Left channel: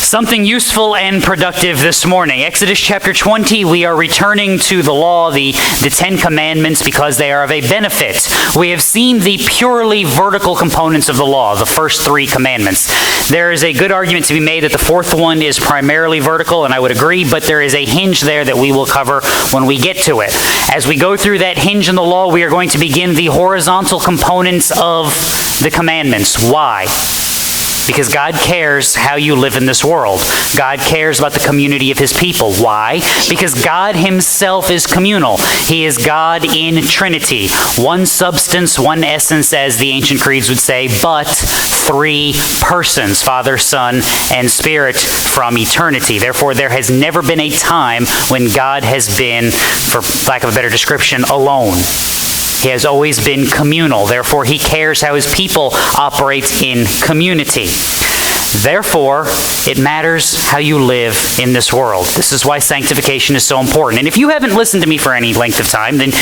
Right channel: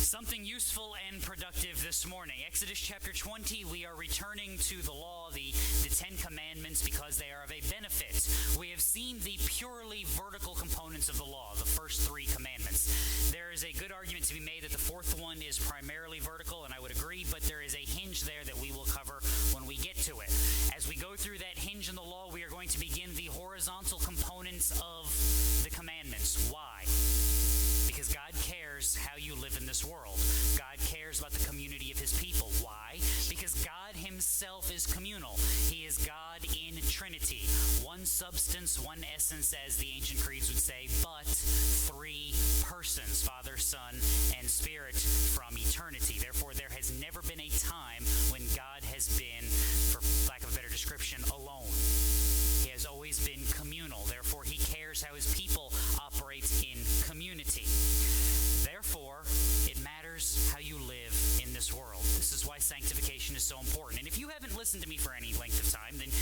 Something useful and productive this morning. Exodus chapter 20, we are returning to the law, the Ten Commandments, because they are of a benefit. We have seen the purely vertical components of the law, the first three commandments. There is a good argument to be made that the fourth one is primarily vertical, and I would agree, but there is a hinge there that we will cover when we get to it. As we go through that hinge in the law, we are going to begin the horizontal components of the commandments. Why? Because God cares how you live in this world. God cares about the community of his people. Why? Because God himself is communal. He is God in Trinity. One substance, one essence, as the ancient creeds would say, but three persons, Father, Son, and Spirit from eternity. Therefore, there has never been a time when God has been, for lack of a better description, alone. He has always been communal. Therefore, he cares how his people operate in community. Therefore, it matters how you live in this world. This is why sanctification is so important. And if you haven't listened to me for any length of time, then,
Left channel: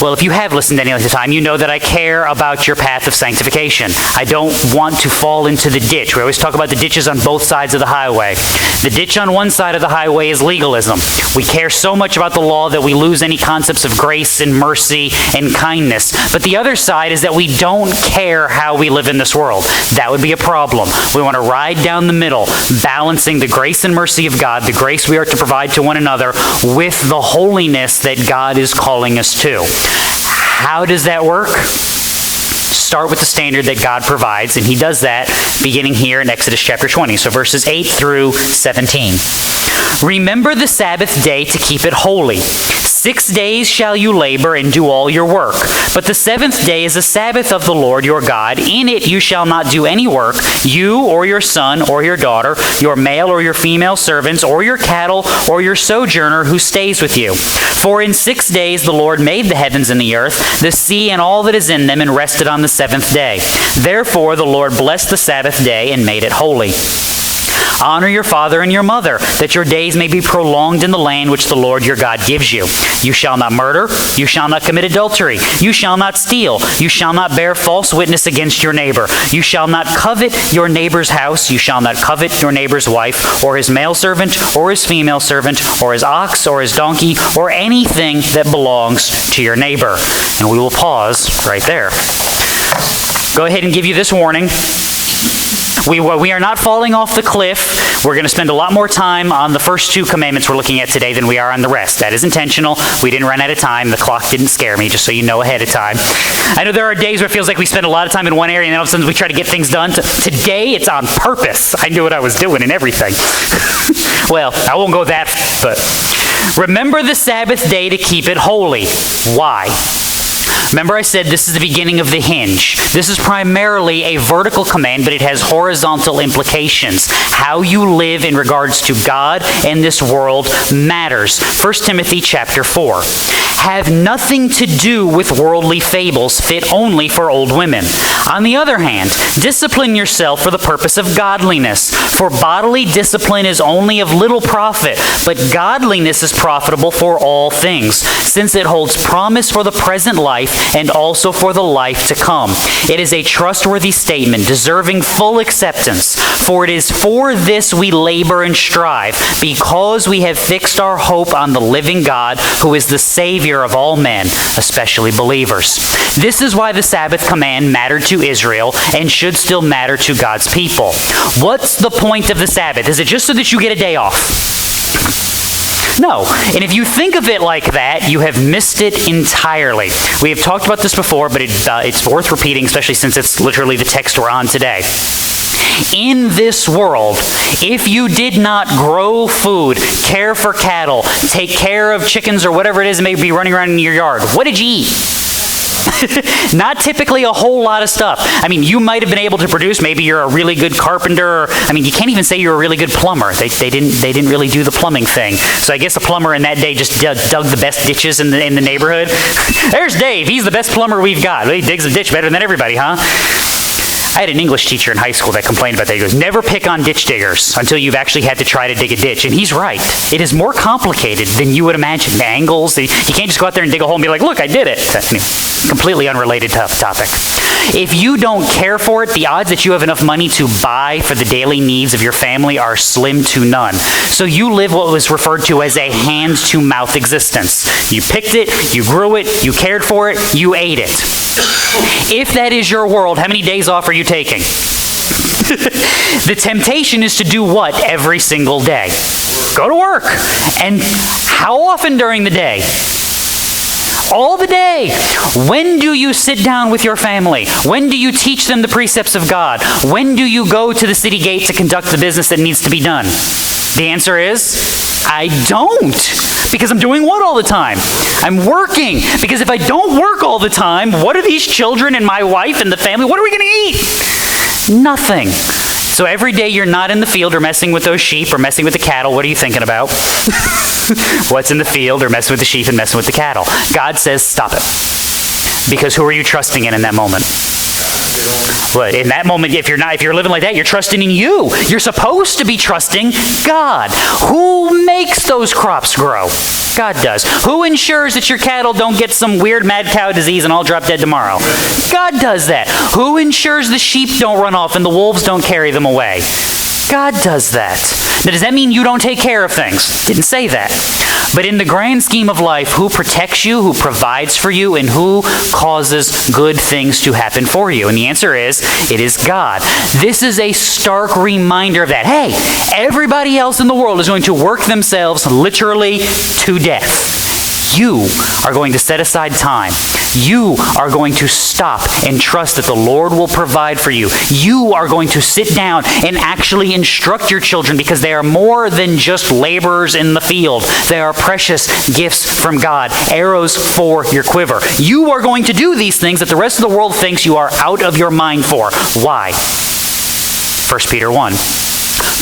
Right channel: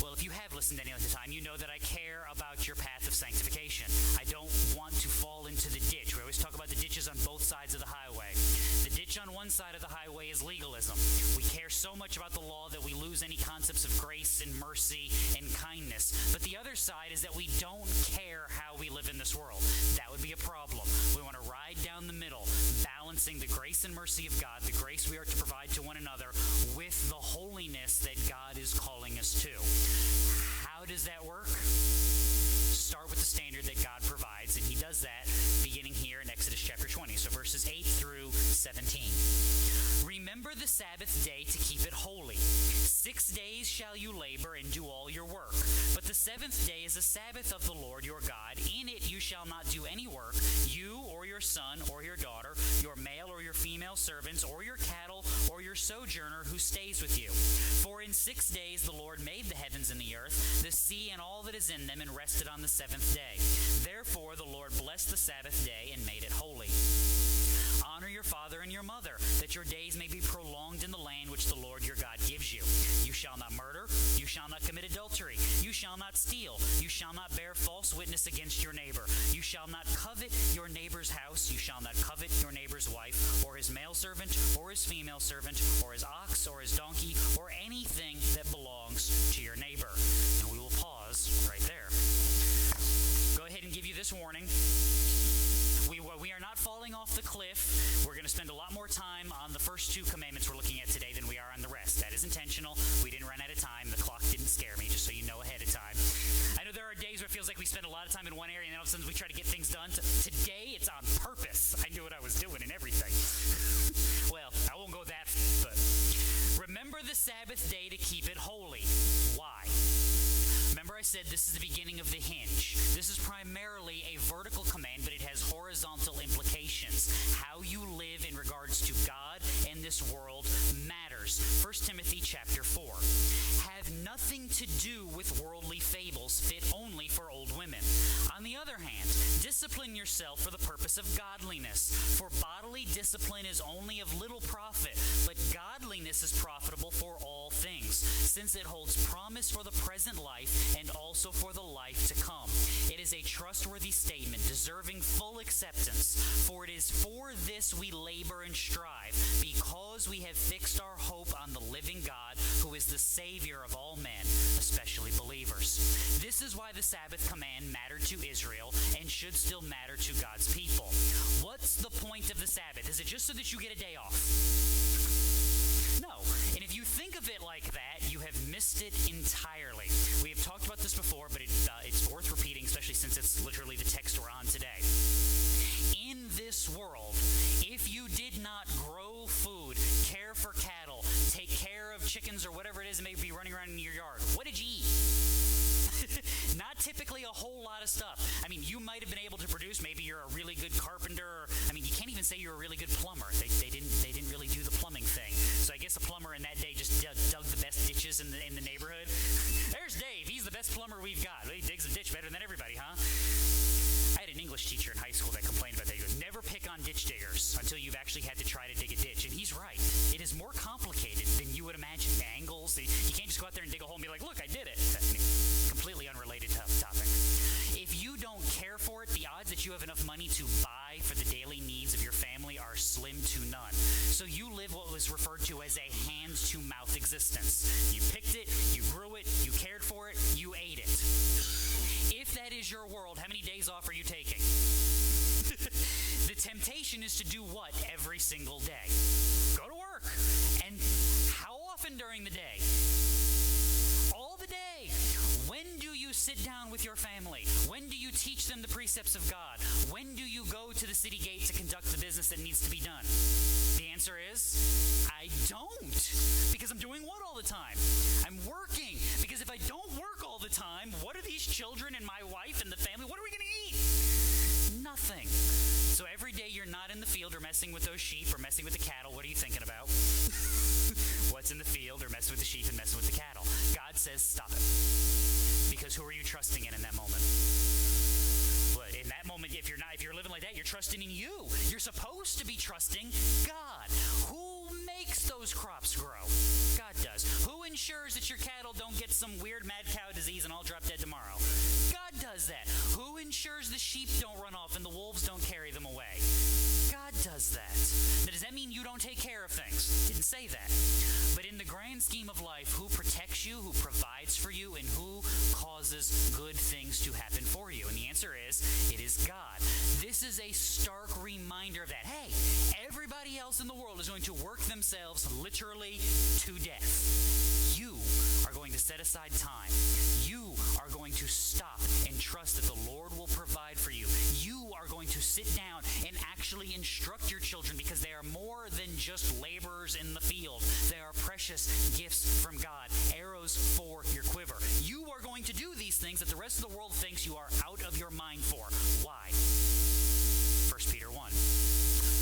well, if you have listened to any length of time, you know that I care about your path of sanctification. I don't want to fall into the ditch. We always talk about the ditches on both sides of the highway. The ditch on one side of the highway is legalism. We care so much about the law that we lose any concepts of grace and mercy and kindness. But the other side is that we don't care how we live in this world. That would be a problem. We want to ride down the middle, balancing the grace and mercy of God, the grace we are to provide to one another, with the holiness that God is calling us to. How does that work? Start with the standard that God provides, and he does that beginning here in Exodus chapter 20. So verses 8 through 17. Remember the Sabbath day to keep it holy. 6 days shall you labor and do all your work. But the seventh day is a Sabbath of the Lord your God. In it you shall not do any work, you or your son or your daughter, your male or your female servants, or your cattle, or your sojourner who stays with you. For in 6 days the Lord made the heavens and the earth, the sea and all that is in them, and rested on the seventh day. Therefore the Lord blessed the Sabbath day and made it holy. Honor your father and your mother, that your days may be prolonged in the land which the Lord your God gives you. You shall not murder. You shall not commit adultery. You shall not steal. You shall not bear false witness against your neighbor. You shall not covet your neighbor's house. You shall not covet your neighbor's wife, or his male servant, or his female servant, or his ox, or his donkey, or anything that belongs to your neighbor. And we will pause right there. Go ahead and give you this warning. We are not falling off the cliff. We're going to spend a lot more time on the first two commandments we're looking at today than we are on the rest. That is intentional. We didn't run out of time. The clock didn't scare me, just so you know ahead of time. I know there are days where it feels like we spend a lot of time in one area and then all of a sudden we try to get things done. Today, it's on purpose. I knew what I was doing and everything. Well, I won't go that far, but remember the Sabbath day to keep it holy. Why? Remember I said this is the beginning of the hinge. This is primarily a vertical command, but it has horizontal implications. How you live in regards to God and this world matters. 1 Timothy chapter 4. Have nothing to do with worldly fables fit only for old women. On the other hand, discipline yourself for the purpose of godliness. For bodily discipline is only of little profit, but godliness is profitable for all things, since it holds promise for the present life and also for the life to come. It is a trustworthy statement, deserving full acceptance. For it is for this we labor and strive, because we have fixed our hope on the living God, who is the Savior of all men, especially believers. This is why the Sabbath command mattered to Israel and should still matter to God's people. What's the point of the Sabbath? Is it just so that you get a day off? No. And if you think of it like that, you have missed it entirely. We have talked about this before, but it's worth repeating, especially since it's literally the text we're on today. In this world, if you did not grow food, care for cattle, take care of chickens or whatever it is that may be running around in your yard, what did you eat? Not typically a whole lot of stuff. I mean, you might have been able to produce, maybe you're a really good carpenter. You can't even say you're a really good plumber. They didn't really do the plumbing thing. So I guess the plumber in that day just dug the best ditches in the neighborhood. There's Dave. He's the best plumber we've got. He digs a ditch better than everybody, huh? I had an English teacher in high school that complained about that. He goes, never pick on ditch diggers until you've actually had to try to dig a ditch. And he's right. It is more complicated than you would imagine. The angles, you can't just go out there and dig a hole and be like, look, I did it. Anyway, completely unrelated topic. If you don't care for it, the odds that you have enough money to buy for the daily needs of your family are slim to none. So you live what was referred to as a hand-to-mouth existence. You picked it, you grew it, you cared for it, you ate it. If that is your world, how many days off are you taking? The temptation is to do what every single day? Go to work. And how often during the day? All the day. When do you sit down with your family? When do you teach them the precepts of God? When do you go to the city gate to conduct the business that needs to be done? The answer is, I don't. Because I'm doing what all the time? I'm working. Because if I don't work all the time, what are these children and my wife and the family, what are we going to eat? Nothing. So every day you're not in the field or messing with those sheep or messing with the cattle, what are you thinking about? What's in the field or messing with the sheep and messing with the cattle? God says, stop it. Because who are you trusting in that moment? Well, in that moment, if you're living like that, you're trusting in you. You're supposed to be trusting God. Who makes those crops grow? God does. Who ensures that your cattle don't get some weird mad cow disease and all drop dead tomorrow? God does that. Who ensures the sheep don't run off and the wolves don't carry them away? God does that. Now, does that mean you don't take care of things? Didn't say that. But in the grand scheme of life, who protects you, who provides for you, and who causes good things to happen for you? And the answer is, it is God. This is a stark reminder of that. Hey, everybody else in the world is going to work themselves literally to death. You are going to set aside time. You are going to stop and trust that the Lord will provide for you. You are going to sit down and actually instruct your children because they are more than just laborers in the field. They are precious gifts from God, arrows for your quiver. You are going to do these things that the rest of the world thinks you are out of your mind for. Why? 1 Peter 1.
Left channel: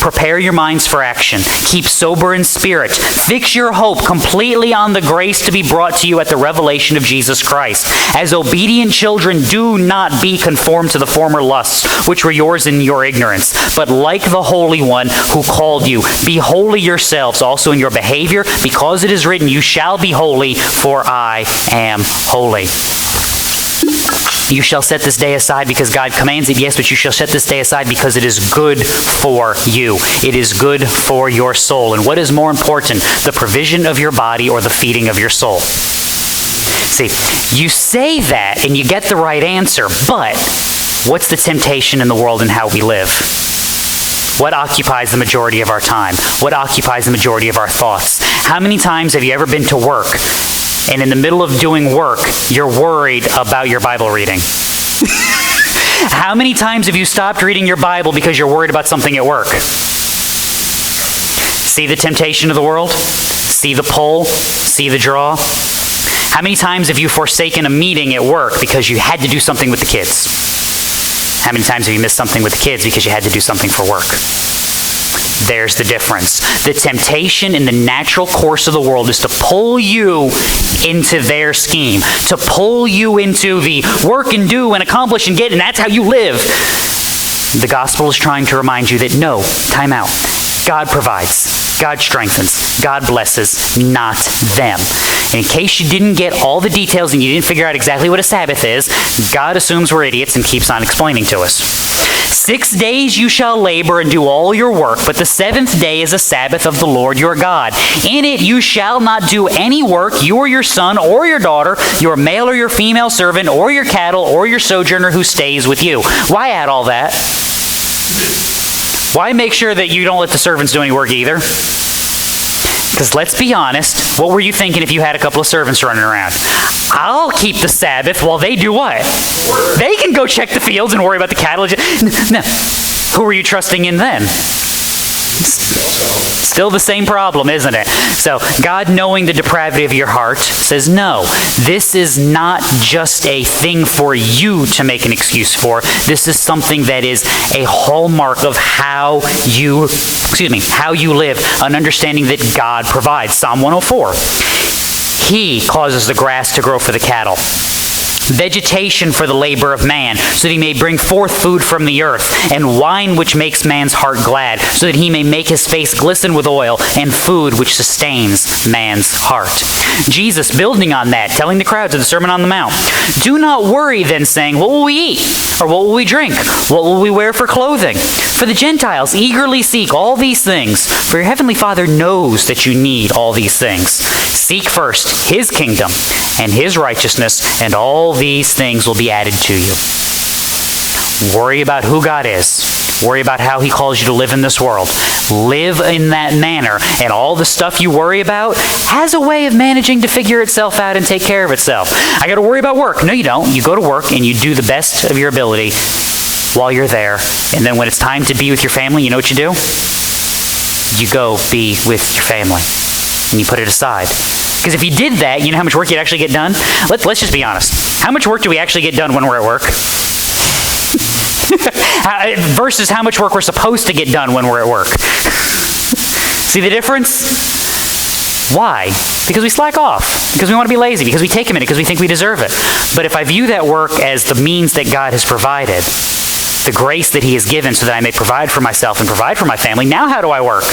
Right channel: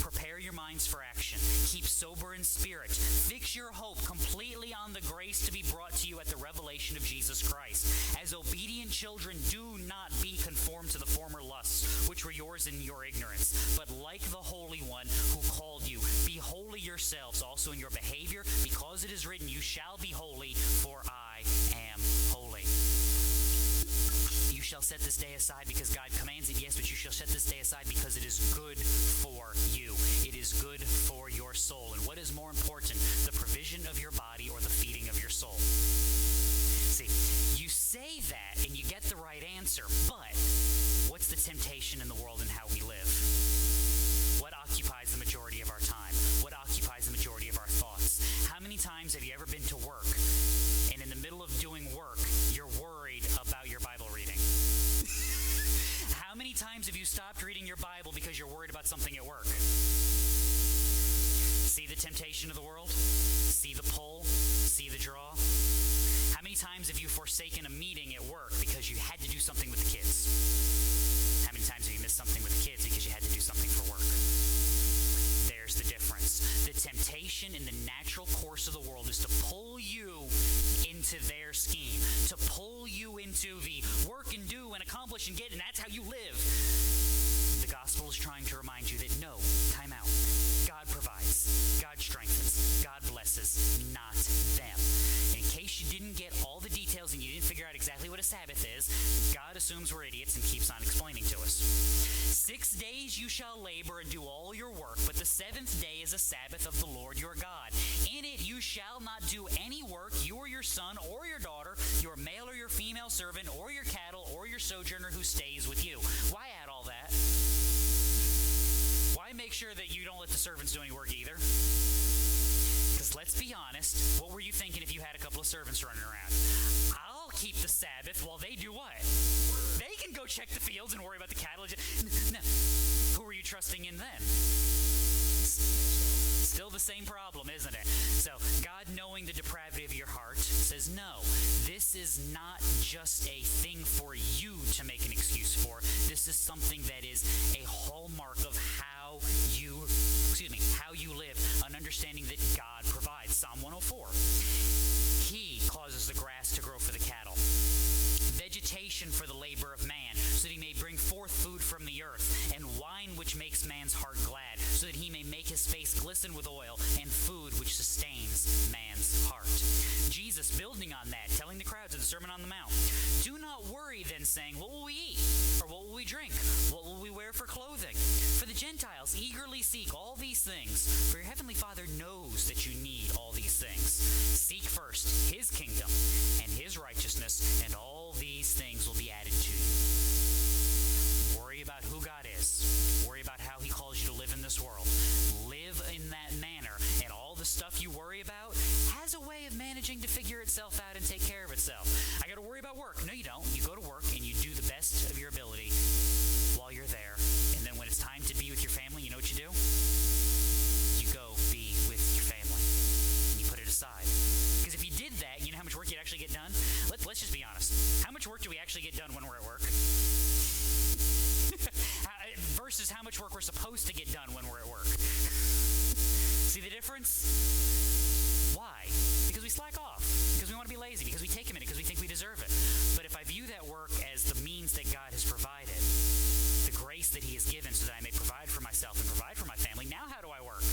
Prepare your minds for action. Keep sober in spirit. Fix your hope completely on the grace to be brought to you at the revelation of Jesus Christ. As obedient children, do not be conformed to the former lusts, which were yours in your ignorance. But like the Holy One who called you, be holy yourselves also in your behavior, because it is written, you shall be holy, for I am holy. You shall set this day aside because God commands it, yes, but you shall set this day aside because it is good for you. It is good for your soul. And what is more important, the provision of your body or the feeding of your soul? See, you say that and you get the right answer, but what's the temptation in the world and how we live? What occupies the majority of our time? What occupies the majority of our thoughts? How many times have you ever been to work and in the middle of doing work, you're worried about your Bible reading? How many times have you stopped reading your Bible because you're worried about something at work? See the temptation of the world? See the pull? See the draw? How many times have you forsaken a meeting at work because you had to do something with the kids? How many times have you missed something with the kids because you had to do something for work? There's the difference. The temptation in the natural course of the world is to pull you into their scheme, to pull you into the work and do and accomplish and get, and that's how you live. The gospel is trying to remind you that no, time out. God provides, God strengthens, God blesses, not them. And in case you didn't get all the details and you didn't figure out exactly what a Sabbath is, God assumes we're idiots and keeps on explaining to us. 6 days you shall labor and do all your work, but the seventh day is a Sabbath of the Lord your God. In it you shall not do any work, you or your son or your daughter, your male or your female servant, or your cattle, or your sojourner who stays with you. Why add all that? Why make sure that you don't let the servants do any work either? Because let's be honest, what were you thinking if you had a couple of servants running around? I'll keep the Sabbath while they do what? They can go check the fields and worry about the cattle. No. Who are you trusting in then? Still the same problem, isn't it? So God, knowing the depravity of your heart, says, no, this is not just a thing for you to make an excuse for. This is something that is a hallmark of how you live, an understanding that God provides. Psalm 104. He causes the grass to grow for the cattle. vegetation for the labor of man, so that he may bring forth food from the earth, and wine which makes man's heart glad, so that he may make his face glisten with oil, and food which sustains man's heart. Jesus, building on that, telling the crowds of the Sermon on the Mount, do not worry then, saying, what will we eat? Or what will we drink? What will we wear for clothing? For the Gentiles eagerly seek all these things, for your heavenly Father knows that you need all these things. Seek first his kingdom and his righteousness, and all these things will be added to you. Worry about who God is. Worry about how he calls you to live in this world. Live in that manner, and all the stuff you worry about has a way of managing to figure itself out and take care of itself. I got to worry about work. No, you don't. You go to work and you do the best of your ability while you're there. And then when it's time to be with your family, you know what you do? You go be with your family, and you put it aside. Because if you did that, you know how much work you'd actually get done? Let's just be honest. How much work do we actually get done when we're at work? Versus how much work we're supposed to get done when we're at work. See the difference? Why? Because we slack off. Because we want to be lazy. Because we take a minute. Because we think we deserve it. But if I view that work as the means that God has provided, the grace that he has given so that I may provide for myself and provide for my family, now how do I work?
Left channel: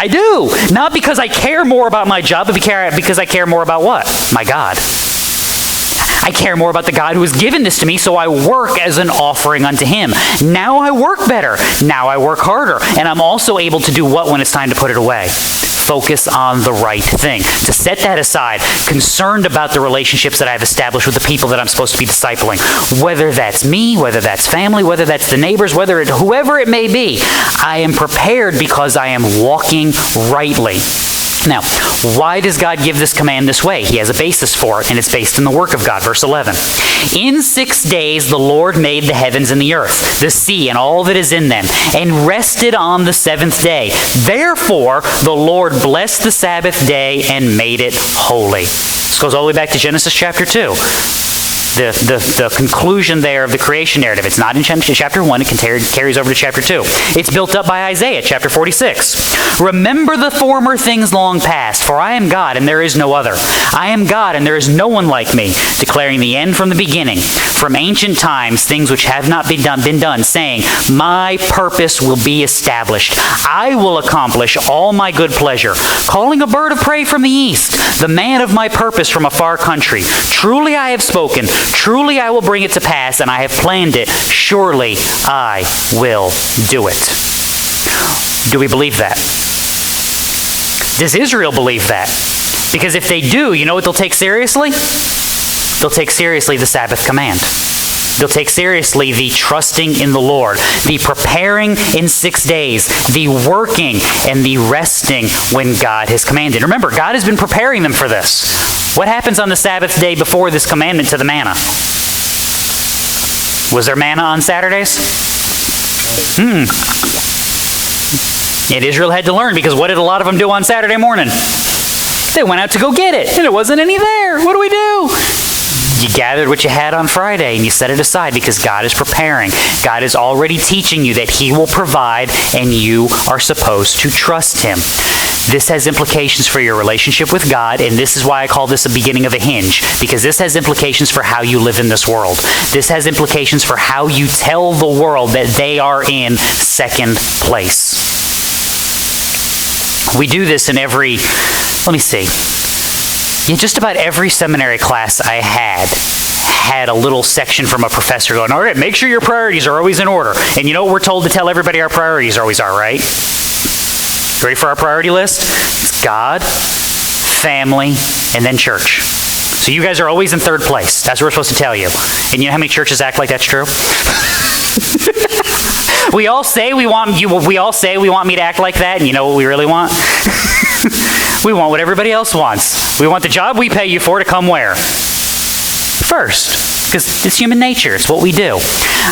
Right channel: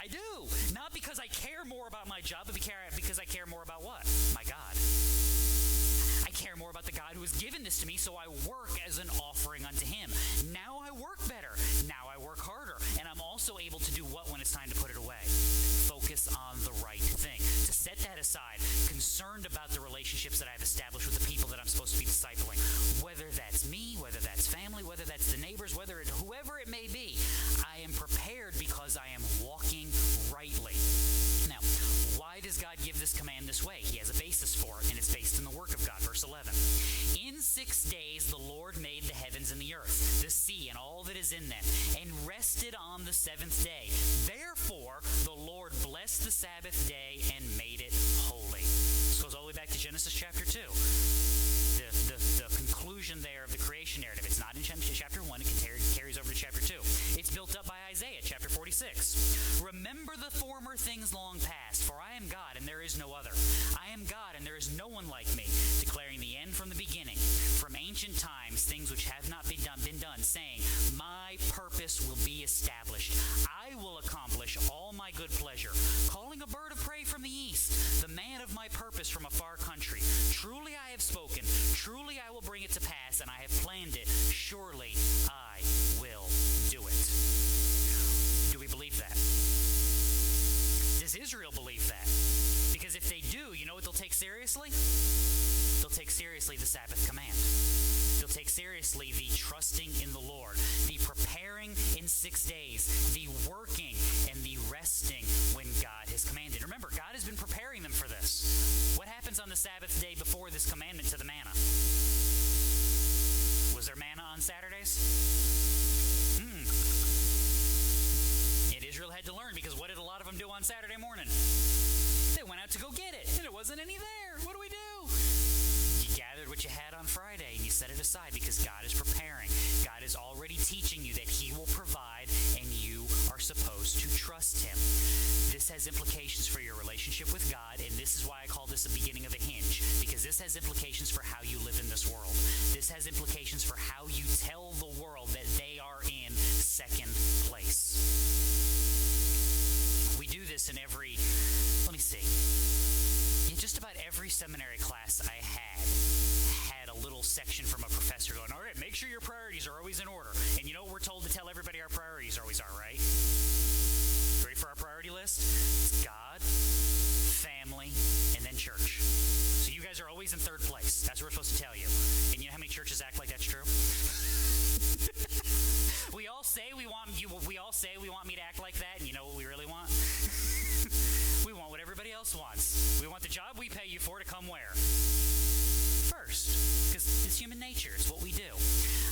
I do. Not because I care more about my job, but because I care more about what? My God. I care more about the God who has given this to me, so I work as an offering unto him. Now I work better. Now I work harder. And I'm also able to do what when it's time to put it away? Focus on the right thing. To set that aside, concerned about the relationships that I've established with the people that I'm supposed to be discipling. Whether that's me, whether that's family, whether that's the neighbors, whoever it may be, I am prepared because I am walking rightly. Now, why does God give this command this way? He has a basis for it, and it's based in the work of God. Verse 11. In 6 days the Lord made the heavens and the earth, the sea and all that is in them, and rested on the seventh day. Therefore the Lord blessed the Sabbath day and made it holy. This goes all the way back to Genesis chapter 2. The conclusion there of the creation narrative. It's not in chapter 1. It carries over to chapter 2. It's built up by Isaiah, chapter 46. Remember the former things long past, for I am God and there is no other. I am God and there is no one like me, declaring the end from the beginning, from ancient times, things which have not been done, saying, my purpose will be established. I will accomplish all my good pleasure, calling a bird of prey from the east, the man of my purpose from a far country. Truly I have spoken. Truly I will bring it to pass, and I have planned it. Surely I will do it. Do we believe that? Does Israel believe that? Because if they do, you know what they'll take seriously? They'll take seriously the Sabbath command. They'll take seriously the trusting in the Lord, the preparing in 6 days, the working and the resting when God has commanded. Remember, God has been preparing them for this. What happens on the Sabbath day before this commandment to the manna? Was there manna on Saturdays? And Israel had to learn, because what did a lot of them do on Saturday morning? They went out to go get it, and it wasn't any there. What do we do? You gathered what you had on Friday and you set it aside because God is preparing. God is already teaching you that he will provide, and you are supposed to trust him. This has implications for your relationship with God, and this is why I call this a beginning of a hinge, because this has implications for how you live in this world. This has implications for how you tell the world that they are in second place. We do this in every, just about every seminary class I had a little section from a professor going, all right, make sure your priorities are always in order. And you know what we're told to tell everybody our priorities always are, right? Ready for our priority list? It's God, family, and then church. So you guys are always in third place. That's what we're supposed to tell you. And you know how many churches act like that's true? We all say we want me to act like that, and you know what we really want? We want what everybody else wants. We want the job we pay you for to come where? First. Because it's human nature. It's what we do.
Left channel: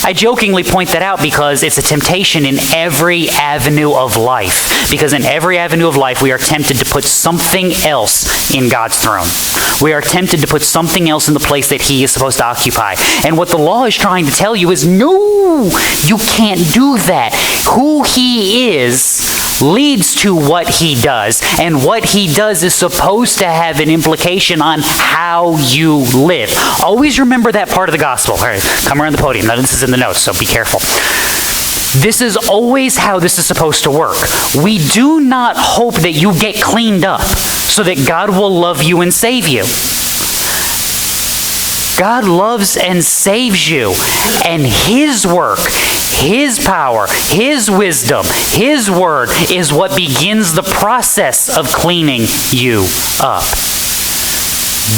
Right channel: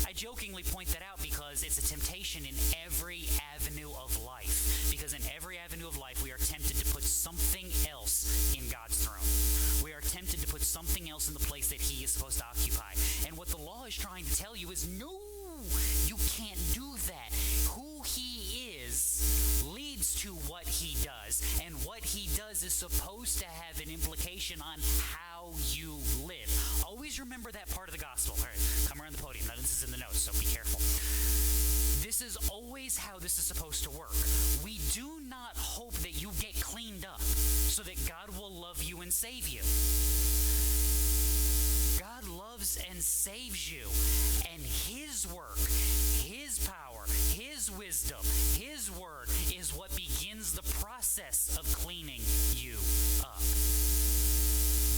I jokingly point that out because it's a temptation in every avenue of life. Because in every avenue of life, we are tempted to put something else in God's throne. We are tempted to put something else in the place that he is supposed to occupy. And what the law is trying to tell you is, no, you can't do that. Who he is leads to what he does, and what he does is supposed to have an implication on how you live. Always remember that part of the gospel. All right, come around the podium. Now, this is in the notes, so be careful. This is always how this is supposed to work. We do not hope that you get cleaned up so that God will love you and save you. God loves and saves you, and his work, his power, his wisdom, his word is what begins the process of cleaning you up.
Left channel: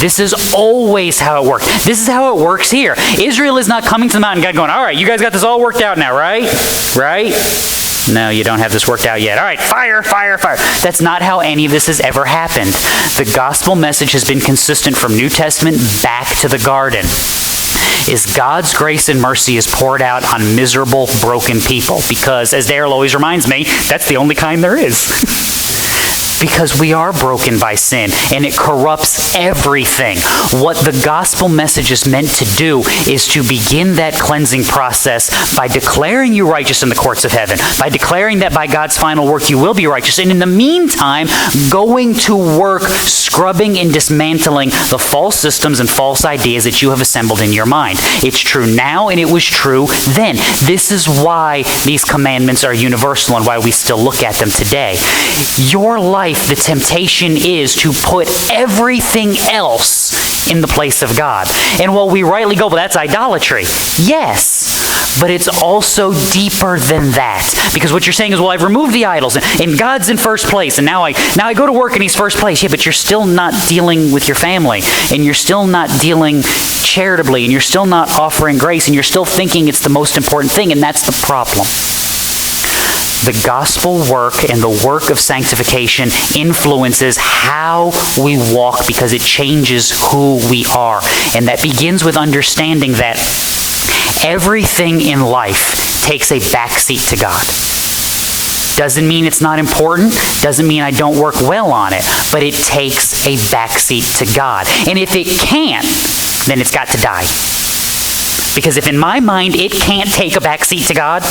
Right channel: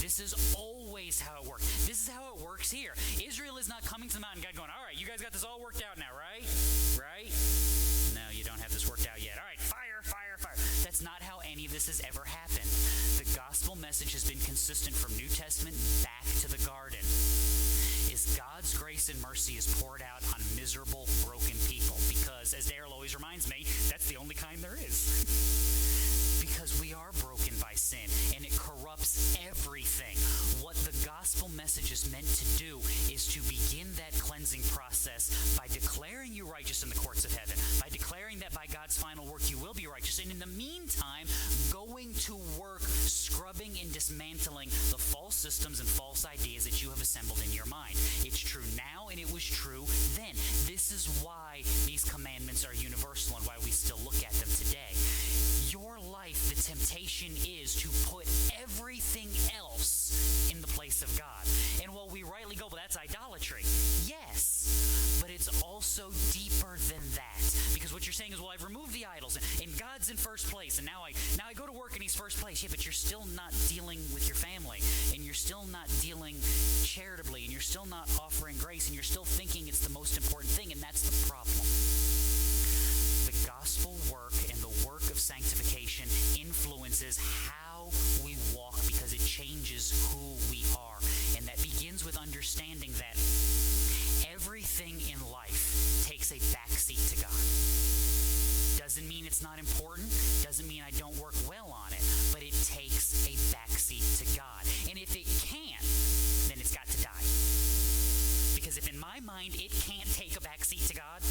This is always how it works. This is how it works here. Israel is not coming to the mountain, God going, all right, you guys got this all worked out now, right? Right? No, you don't have this worked out yet. All right, fire, fire, fire. That's not how any of this has ever happened. The gospel message has been consistent from New Testament back to the garden. Is God's grace and mercy is poured out on miserable, broken people. Because, as Darrell always reminds me, that's the only kind there is. Because we are broken by sin, and it corrupts everything. What the gospel message is meant to do is to begin that cleansing process by declaring you righteous in the courts of heaven, by declaring that by God's final work you will be righteous, and in the meantime, going to work scrubbing and dismantling the false systems and false ideas that you have assembled in your mind. It's true now, and it was true then. This is why these commandments are universal and why we still look at them today. Your life, the temptation is to put everything else in the place of God. And while we rightly go, well, that's idolatry. Yes, but it's also deeper than that. Because what you're saying is, well, I've removed the idols, and God's in first place, and now I go to work and he's first place. Yeah, but you're still not dealing with your family, and you're still not dealing charitably, and you're still not offering grace, and you're still thinking it's the most important thing, and that's the problem. The gospel work and the work of sanctification influences how we walk because it changes who we are. And that begins with understanding that everything in life takes a backseat to God. Doesn't mean it's not important, doesn't mean I don't work well on it, but it takes a backseat to God. And if it can't, then it's got to die. Because if in my mind it can't take a backseat to God,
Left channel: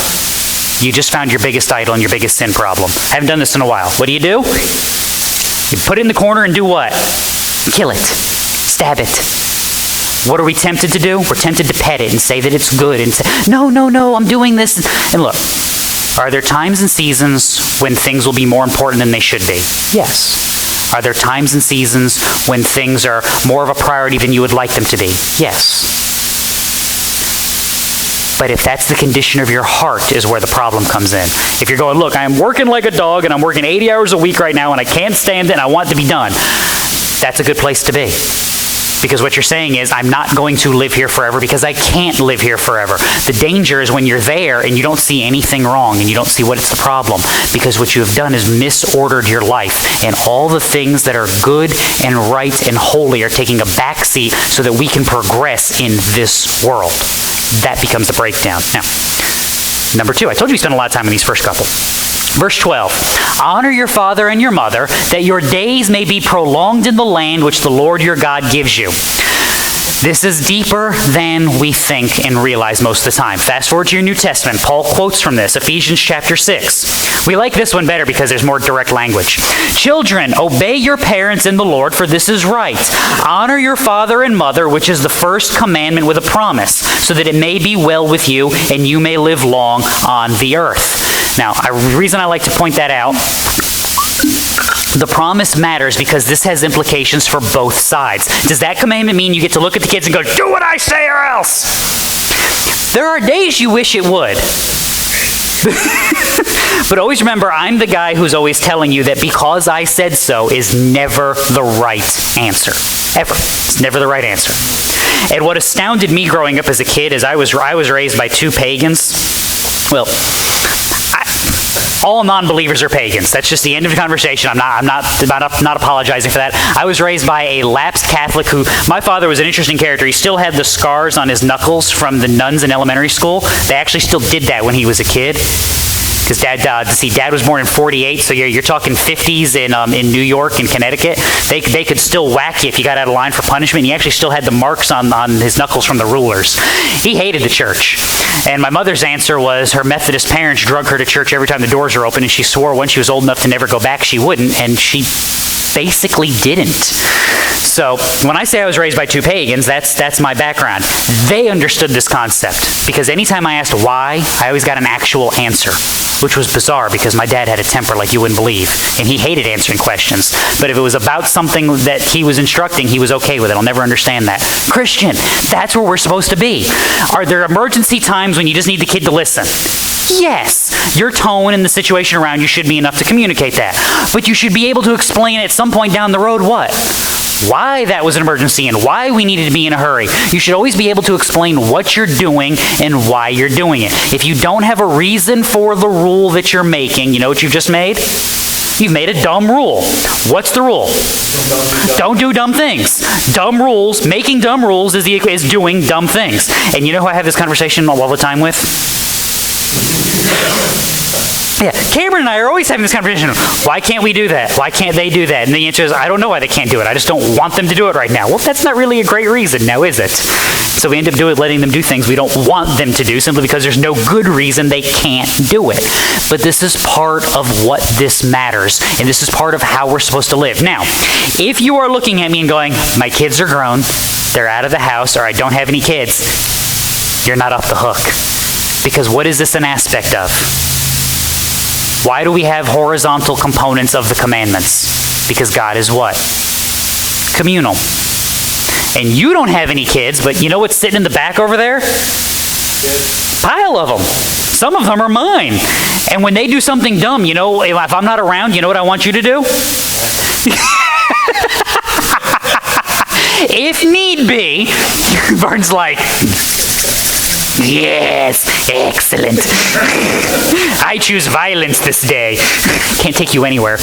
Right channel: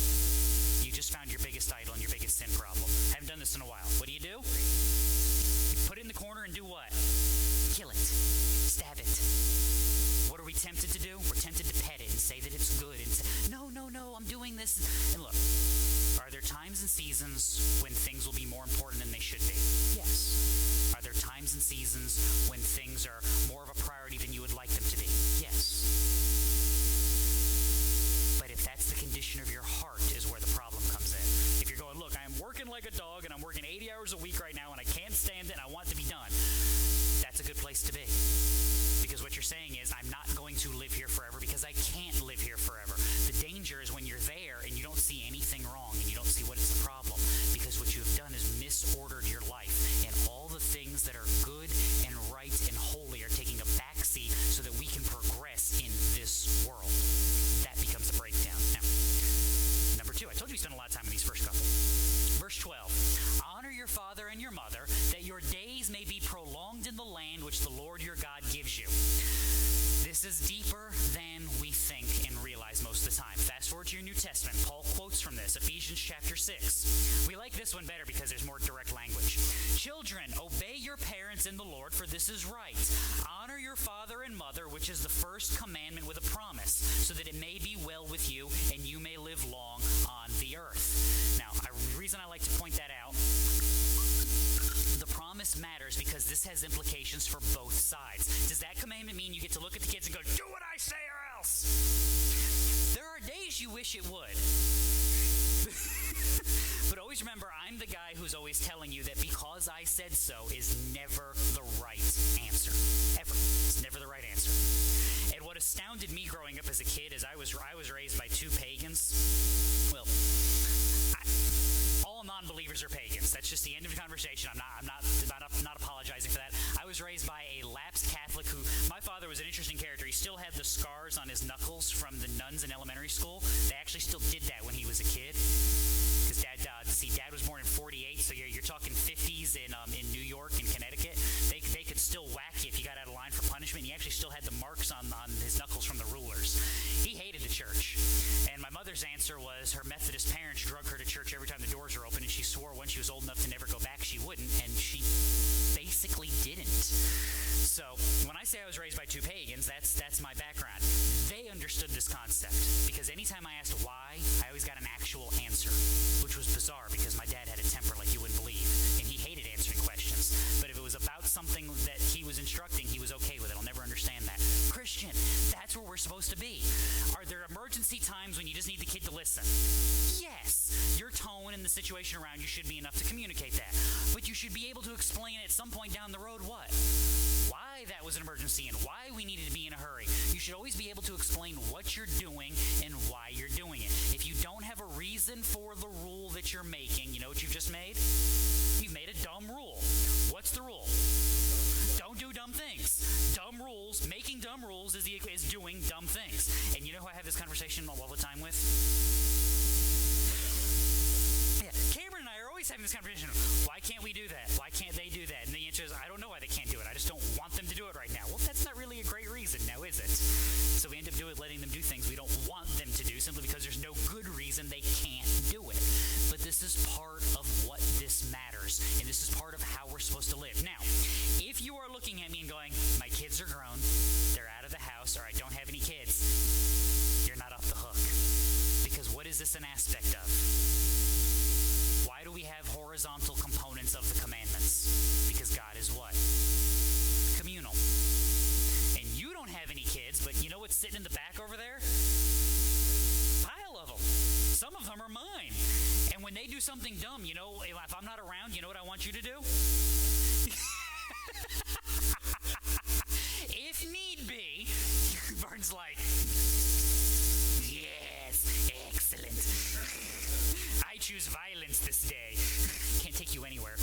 you just found your biggest idol and your biggest sin problem. I haven't done this in a while. What do? You put it in the corner and do what? Kill it. Stab it. What are we tempted to do? We're tempted to pet it and say that it's good and say, no, I'm doing this. And look, are there times and seasons when things will be more important than they should be? Yes. Are there times and seasons when things are more of a priority than you would like them to be? Yes. But if that's the condition of your heart is where the problem comes in. If you're going, look, I'm working like a dog and I'm working 80 hours a week right now and I can't stand it and I want it to be done, that's a good place to be. Because what you're saying is, I'm not going to live here forever because I can't live here forever. The danger is when you're there and you don't see anything wrong and you don't see what is the problem. Because what you have done is misordered your life. And all the things that are good and right and holy are taking a backseat so that we can progress in this world. That becomes the breakdown. Now, number 2, I told you we spent a lot of time on these first couple. Verse 12, honor your father and your mother, that your days may be prolonged in the land which the Lord your God gives you. This is deeper than we think and realize most of the time. Fast forward to your New Testament. Paul quotes from this, Ephesians chapter 6. We like this one better because there's more direct language. Children, obey your parents in the Lord, for this is right. Honor your father and mother, which is the first commandment with a promise, so that it may be well with you and you may live long on the earth. Now, the reason I like to point that out, the promise matters because this has implications for both sides. Does that commandment mean you get to look at the kids and go, do what I say or else? There are days you wish it would. But always remember, I'm the guy who's always telling you that because I said so is never the right answer. Ever. It's never the right answer. And what astounded me growing up as a kid is I was raised by 2 pagans. Well, all non-believers are pagans. That's just the end of the conversation. I'm not apologizing for that. I was raised by a lapsed Catholic who, my father was an interesting character. He still had the scars on his knuckles from the nuns in elementary school. They actually still did that when he was a kid. because Dad was born in 48, so you're talking 50s in New York and Connecticut. They could still whack you if you got out of line for punishment. He actually still had the marks on his knuckles from the rulers. He hated the church. And my mother's answer was her Methodist parents drug her to church every time the doors were open, and she swore once she was old enough to never go back, she wouldn't, and she basically didn't. So when I say I was raised by two pagans, that's my background. They understood this concept, because anytime I asked why, I always got an actual answer, which was bizarre because my dad had a temper like you wouldn't believe, and he hated answering questions. But if it was about something that he was instructing, he was okay with it. I'll never understand that. Christian, that's where we're supposed to be. Are there emergency times when you just need the kid to listen? Yes, your tone and the situation around you should be enough to communicate that. But you should be able to explain at some point down the road what? Why that was an emergency and why we needed to be in a hurry. You should always be able to explain what you're doing and why you're doing it. If you don't have a reason for the rule that you're making, you know what you've just made? You've made a dumb rule. What's the rule? Don't do dumb things. Dumb rules, making dumb rules is doing dumb things. And you know who I have this conversation all the time with? Yeah, Cameron and I are always having this conversation. Why can't we do that? Why can't they do that? And the answer is, I don't know why they can't do it. I just don't want them to do it right now. Well, that's not really a great reason now, is it? So we end up letting them do things we don't want them to do simply because there's no good reason they can't do it. But this is part of what this matters, and this is part of how we're supposed to live. Now, if you are looking at me and going, my kids are grown, they're out of the house, or I don't have any kids, you're not off the hook. Because what is this an aspect of? Why do we have horizontal components of the commandments? Because God is what? Communal. And you don't have any kids, but you know what's sitting in the back over there? Pile of them. Some of them are mine. And when they do something dumb, you know, if I'm not around, you know what I want you to do? If need be, Vern's like, yes, excellent. I choose violence this day. Can't take you anywhere.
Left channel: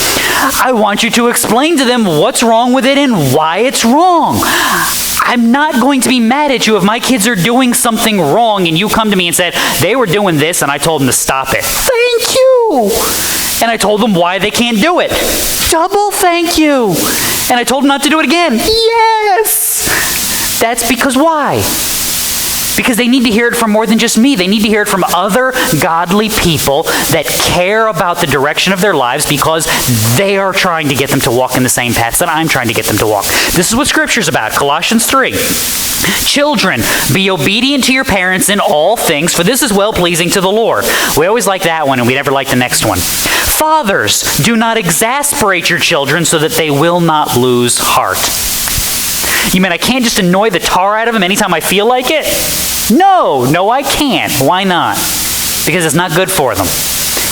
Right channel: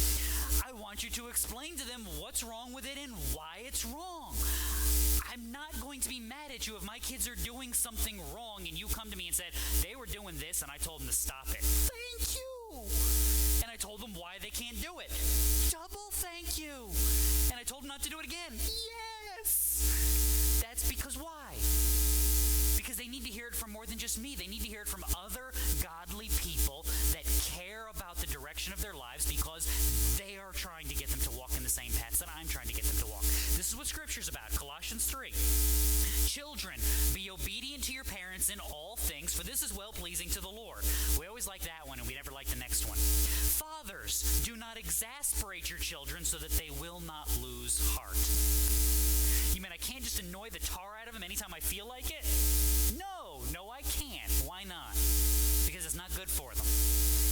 I want you to explain to them what's wrong with it and why it's wrong. I'm not going to be mad at you if my kids are doing something wrong and you come to me and said, they were doing this and I told them to stop it. Thank you. And I told them why they can't do it. Double thank you. And I told them not to do it again. Yes. That's because why? Because they need to hear it from more than just me. They need to hear it from other godly people that care about the direction of their lives because they are trying to get them to walk in the same paths that I'm trying to get them to walk. This is what Scripture's about. Colossians 3. Children, be obedient to your parents in all things, for this is well-pleasing to the Lord. We always like that one, and we never like the next one. Fathers, do not exasperate your children so that they will not lose heart. You mean I can't just annoy the tar out of them anytime I feel like it? No, I can't. Why not? Because it's not good for them.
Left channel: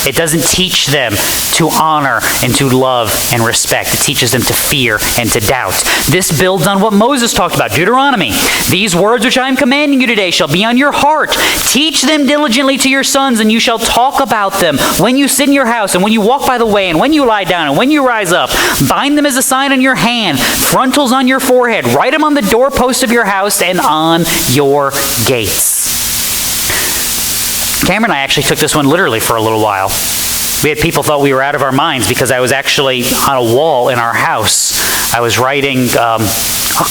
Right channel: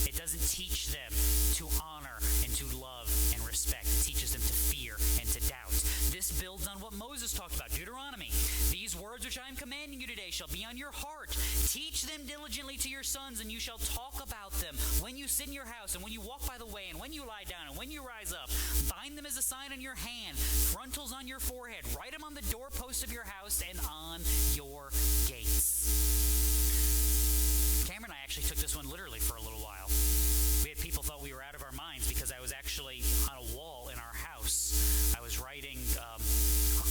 It doesn't teach them to honor and to love and respect. It teaches them to fear and to doubt. This builds on what Moses talked about, Deuteronomy. These words which I am commanding you today shall be on your heart. Teach them diligently to your sons, and you shall talk about them when you sit in your house, and when you walk by the way, and when you lie down, and when you rise up. Bind them as a sign on your hand, frontals on your forehead. Write them on the doorposts of your house and on your gates. Cameron and I actually took this one literally for a little while. We had people thought we were out of our minds because I was actually on a wall in our house. I was writing a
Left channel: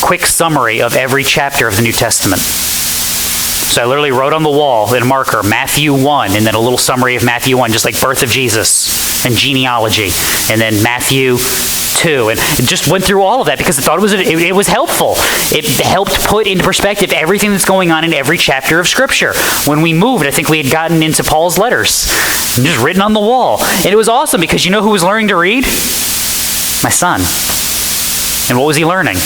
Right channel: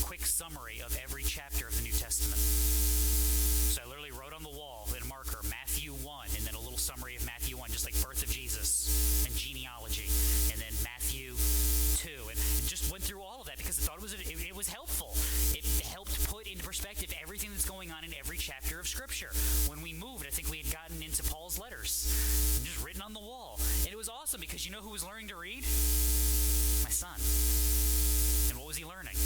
quick summary of every chapter of the New Testament. So I literally wrote on the wall in a marker, Matthew 1, and then a little summary of Matthew 1, just like birth of Jesus and genealogy, and then Matthew 2, and just went through all of that because I thought it was helpful. It helped put into perspective everything that's going on in every chapter of Scripture. When we moved, I think we had gotten into Paul's letters, just written on the wall. And it was awesome because you know who was learning to read? My son. And what was he learning?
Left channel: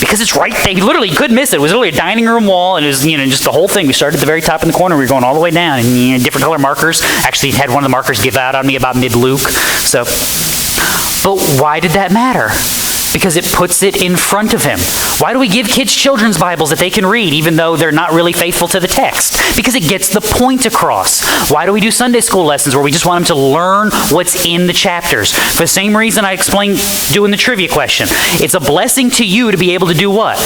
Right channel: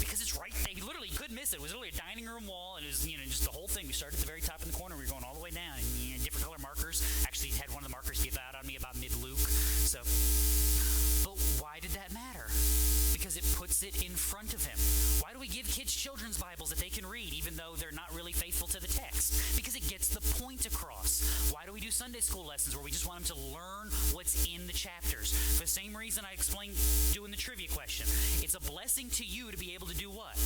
Because it's right there. He literally couldn't miss it. It was literally a dining room wall, and it was, just the whole thing. We started at the very top in the corner. We were going all the way down, and different color markers. Actually, had one of the markers give out on me about mid-Luke. But why did that matter? Because it puts it in front of him. Why do we give kids children's Bibles that they can read even though they're not really faithful to the text? Because it gets the point across. Why do we do Sunday school lessons where we just want them to learn what's in the chapters? For the same reason I explained doing the trivia question. It's a blessing to you to be able to do what?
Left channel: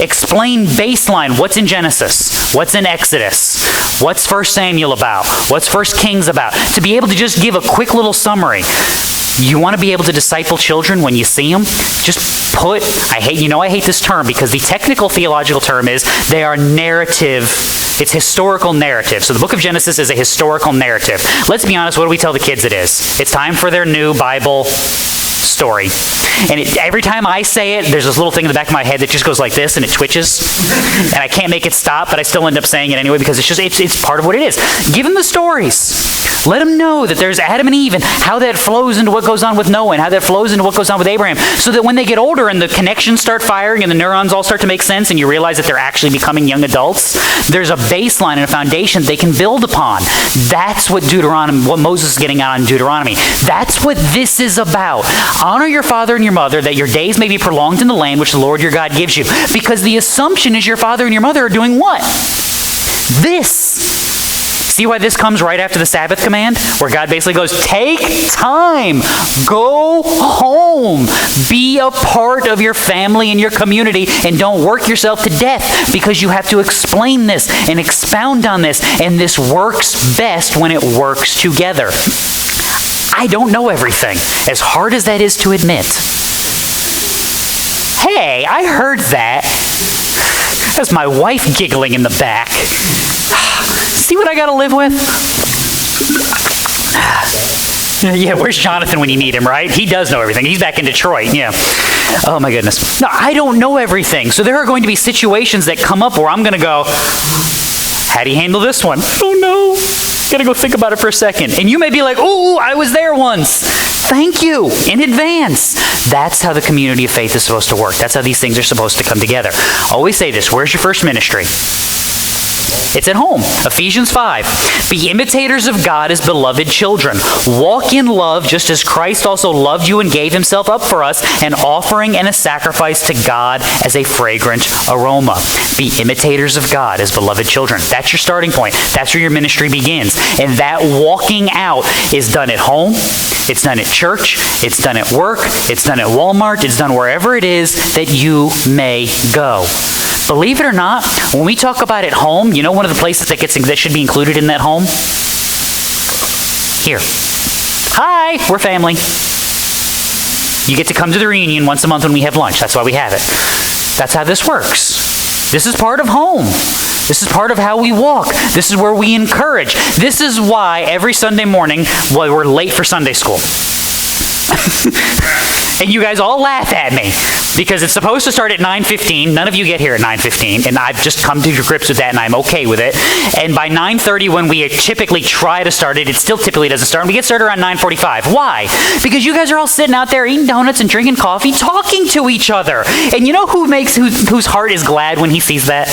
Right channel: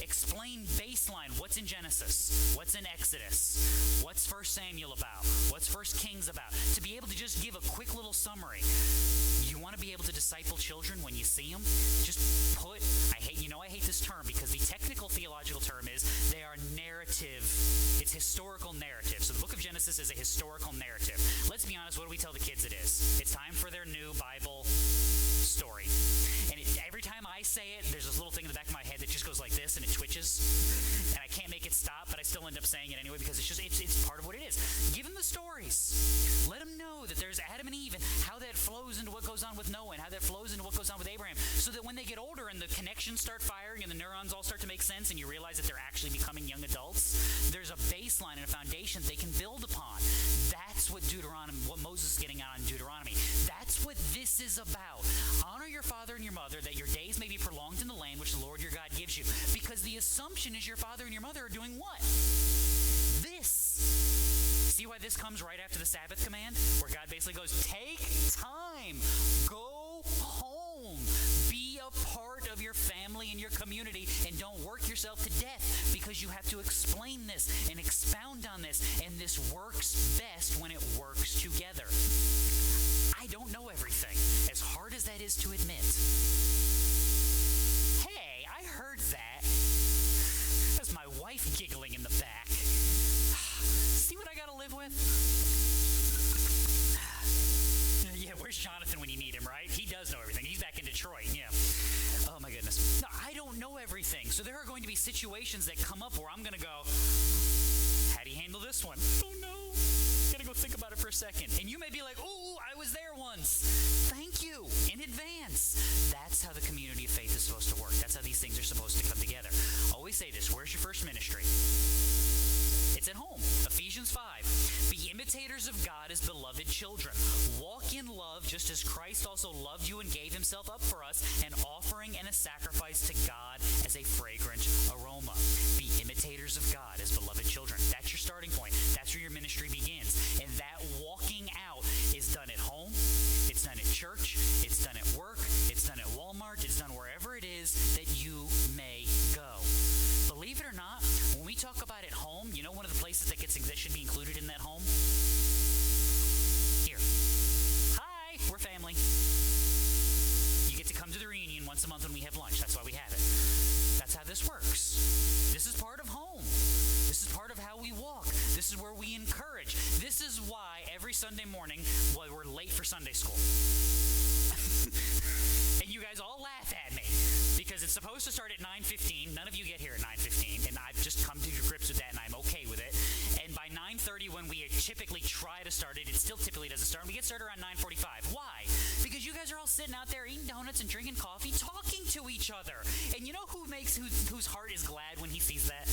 Explain baseline. What's in Genesis? What's in Exodus? What's 1 Samuel about? What's 1 Kings about? To be able to just give a quick little summary. You want to be able to disciple children when you see them? Just put, I hate this term because the technical theological term is they are narrative. It's historical narrative. So the book of Genesis is a historical narrative. Let's be honest, what do we tell the kids it is? It's time for their new Bible story. And every time I say it, there's this little thing in the back of my head that just goes like this and it twitches. And I can't make it stop, but I still end up saying it anyway because it's part of what it is. Give them the stories. Let them know that there's Adam and Eve and how that flows into what goes on with Noah and how that flows into what goes on with Abraham. So that when they get older and the connections start firing and the neurons all start to make sense and you realize that they're actually becoming young adults, there's a baseline and a foundation they can build upon. That's what Moses is getting on in Deuteronomy. That's what this is about. Honor your father and your mother that your days may be prolonged in the land which the Lord your God gives you. Because the assumption is your father and your mother are doing what? This. See why this comes right after the Sabbath command? Where God basically goes, take time, go home, be a part of your family and your community, and don't work yourself to death because you have to explain this and expound on this, and this works best when it works together. I don't know everything, as hard as that is to admit. Hey, I heard that. That's my wife giggling in the back. See what I got to live with? Yeah, where's Jonathan when you need him, right? He does know everything. He's back in Detroit, yeah. Oh my goodness. No, I don't know everything. So there are going to be situations that come up where I'm going to go, how do you handle this one? Oh no. Got to go think about it for a second. And you may be like, oh, I was there once. Thank you in advance. That's how the community of faith is supposed to work. That's how these things are supposed to come together. Always say this, where's your first ministry? It's at home. Ephesians 5. Be imitators of God as beloved children. Walk in love just as Christ also loved you and gave himself up for us, an offering and a sacrifice to God as a fragrant aroma. Be imitators of God as beloved children. That's your starting point. That's where your ministry begins. And that walking out is done at home. It's done at church. It's done at work. It's done at Walmart. It's done wherever it is that you may go. Believe it or not, when we talk about at home, you know one of the places that should be included in that home? Here. Hi, we're family. You get to come to the reunion once a month when we have lunch. That's why we have it. That's how this works. This is part of home. This is part of how we walk. This is where we encourage. This is why every Sunday morning, we're late for Sunday school. And you guys all laugh at me because it's supposed to start at 9:15. None of you get here at 9:15, and I've just come to grips with that, and I'm okay with it. And by 9:30, when we typically try to start it, it still typically doesn't start. And we get started around 9:45. Why? Because you guys are all sitting out there eating donuts and drinking coffee, talking to each other. And you know whose heart is glad when he sees that?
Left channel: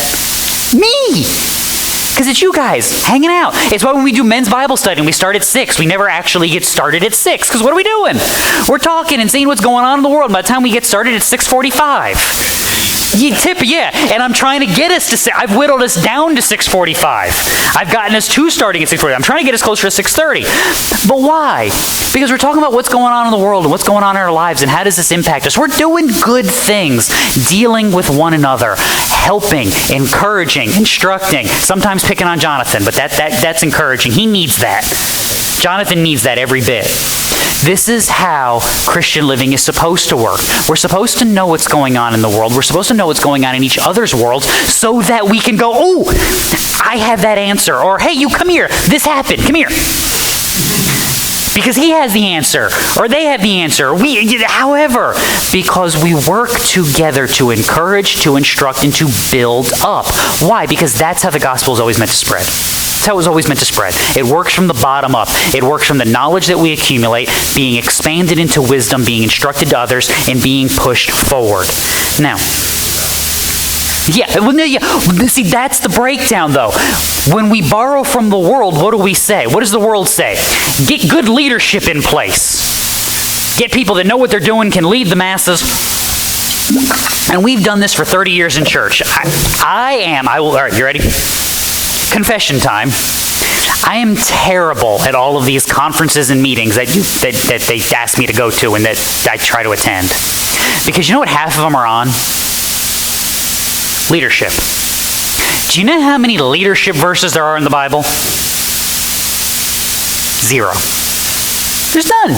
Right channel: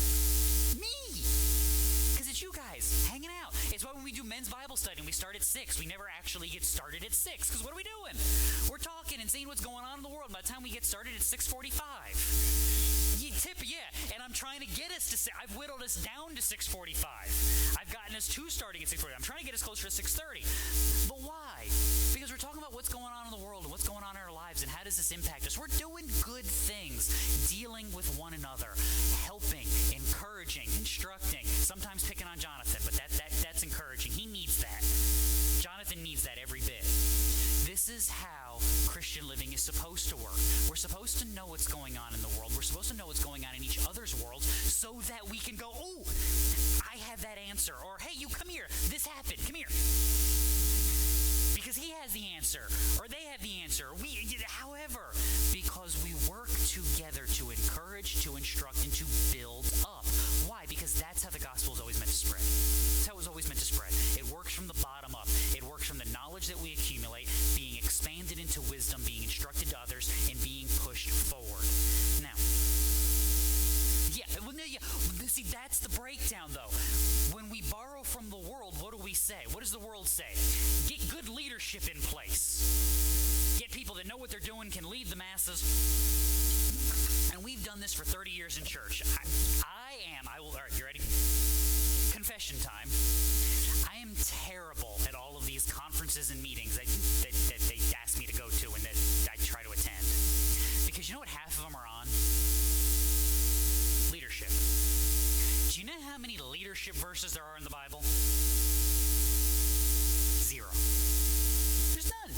Me. Because it's you guys hanging out. It's why when we do men's Bible study and we start at 6, we never actually get started at 6. Because what are we doing? We're talking and seeing what's going on in the world. By the time we get started, it's 6:45. Yeah, and I'm trying to get us to, I've whittled us down to 6:45. I've gotten us to starting at 6:40. I'm trying to get us closer to 6:30. But why? Because we're talking about what's going on in the world and what's going on in our lives and how does this impact us. We're doing good things, dealing with one another, helping, encouraging, instructing, sometimes picking on Jonathan, but that's encouraging. He needs that. Jonathan needs that every bit. This is how Christian living is supposed to work. We're supposed to know what's going on in the world. We're supposed to know what's going on in each other's worlds so that we can go, oh, I have that answer. Or, hey, you come here. This happened. Come here. Because he has the answer, or they have the answer. However, because we work together to encourage, to instruct, and to build up. Why? Because that's how the gospel is always meant to spread. That's how it was always meant to spread. It works from the bottom up. It works from the knowledge that we accumulate, being expanded into wisdom, being instructed to others, and being pushed forward. Now, see, that's the breakdown, though. When we borrow from the world, what do we say? What does the world say? Get good leadership in place. Get people that know what they're doing, can lead the masses. And we've done this for 30 years in church. All right, you ready? Confession time. I am terrible at all of these conferences and meetings that they ask me to go to and that I try to attend. Because you know what half of them are on? Leadership. Do you know how many leadership verses there are in the Bible? 0. There's none.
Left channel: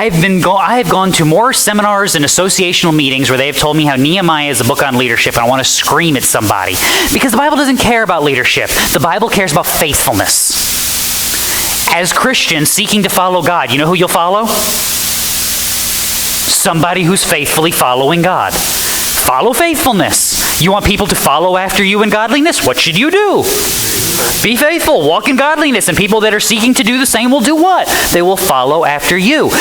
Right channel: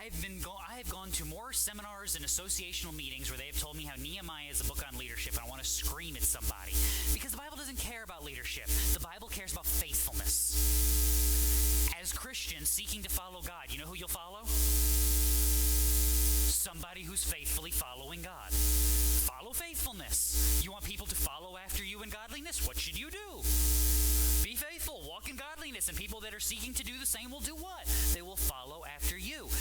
I have gone to more seminars and associational meetings where they have told me how Nehemiah is a book on leadership, and I want to scream at somebody. Because the Bible doesn't care about leadership. The Bible cares about faithfulness. As Christians seeking to follow God, you know who you'll follow? Somebody who's faithfully following God. Follow faithfulness. You want people to follow after you in godliness? What should you do? Be faithful, walk in godliness, and people that are seeking to do the same will do what? They will follow after you.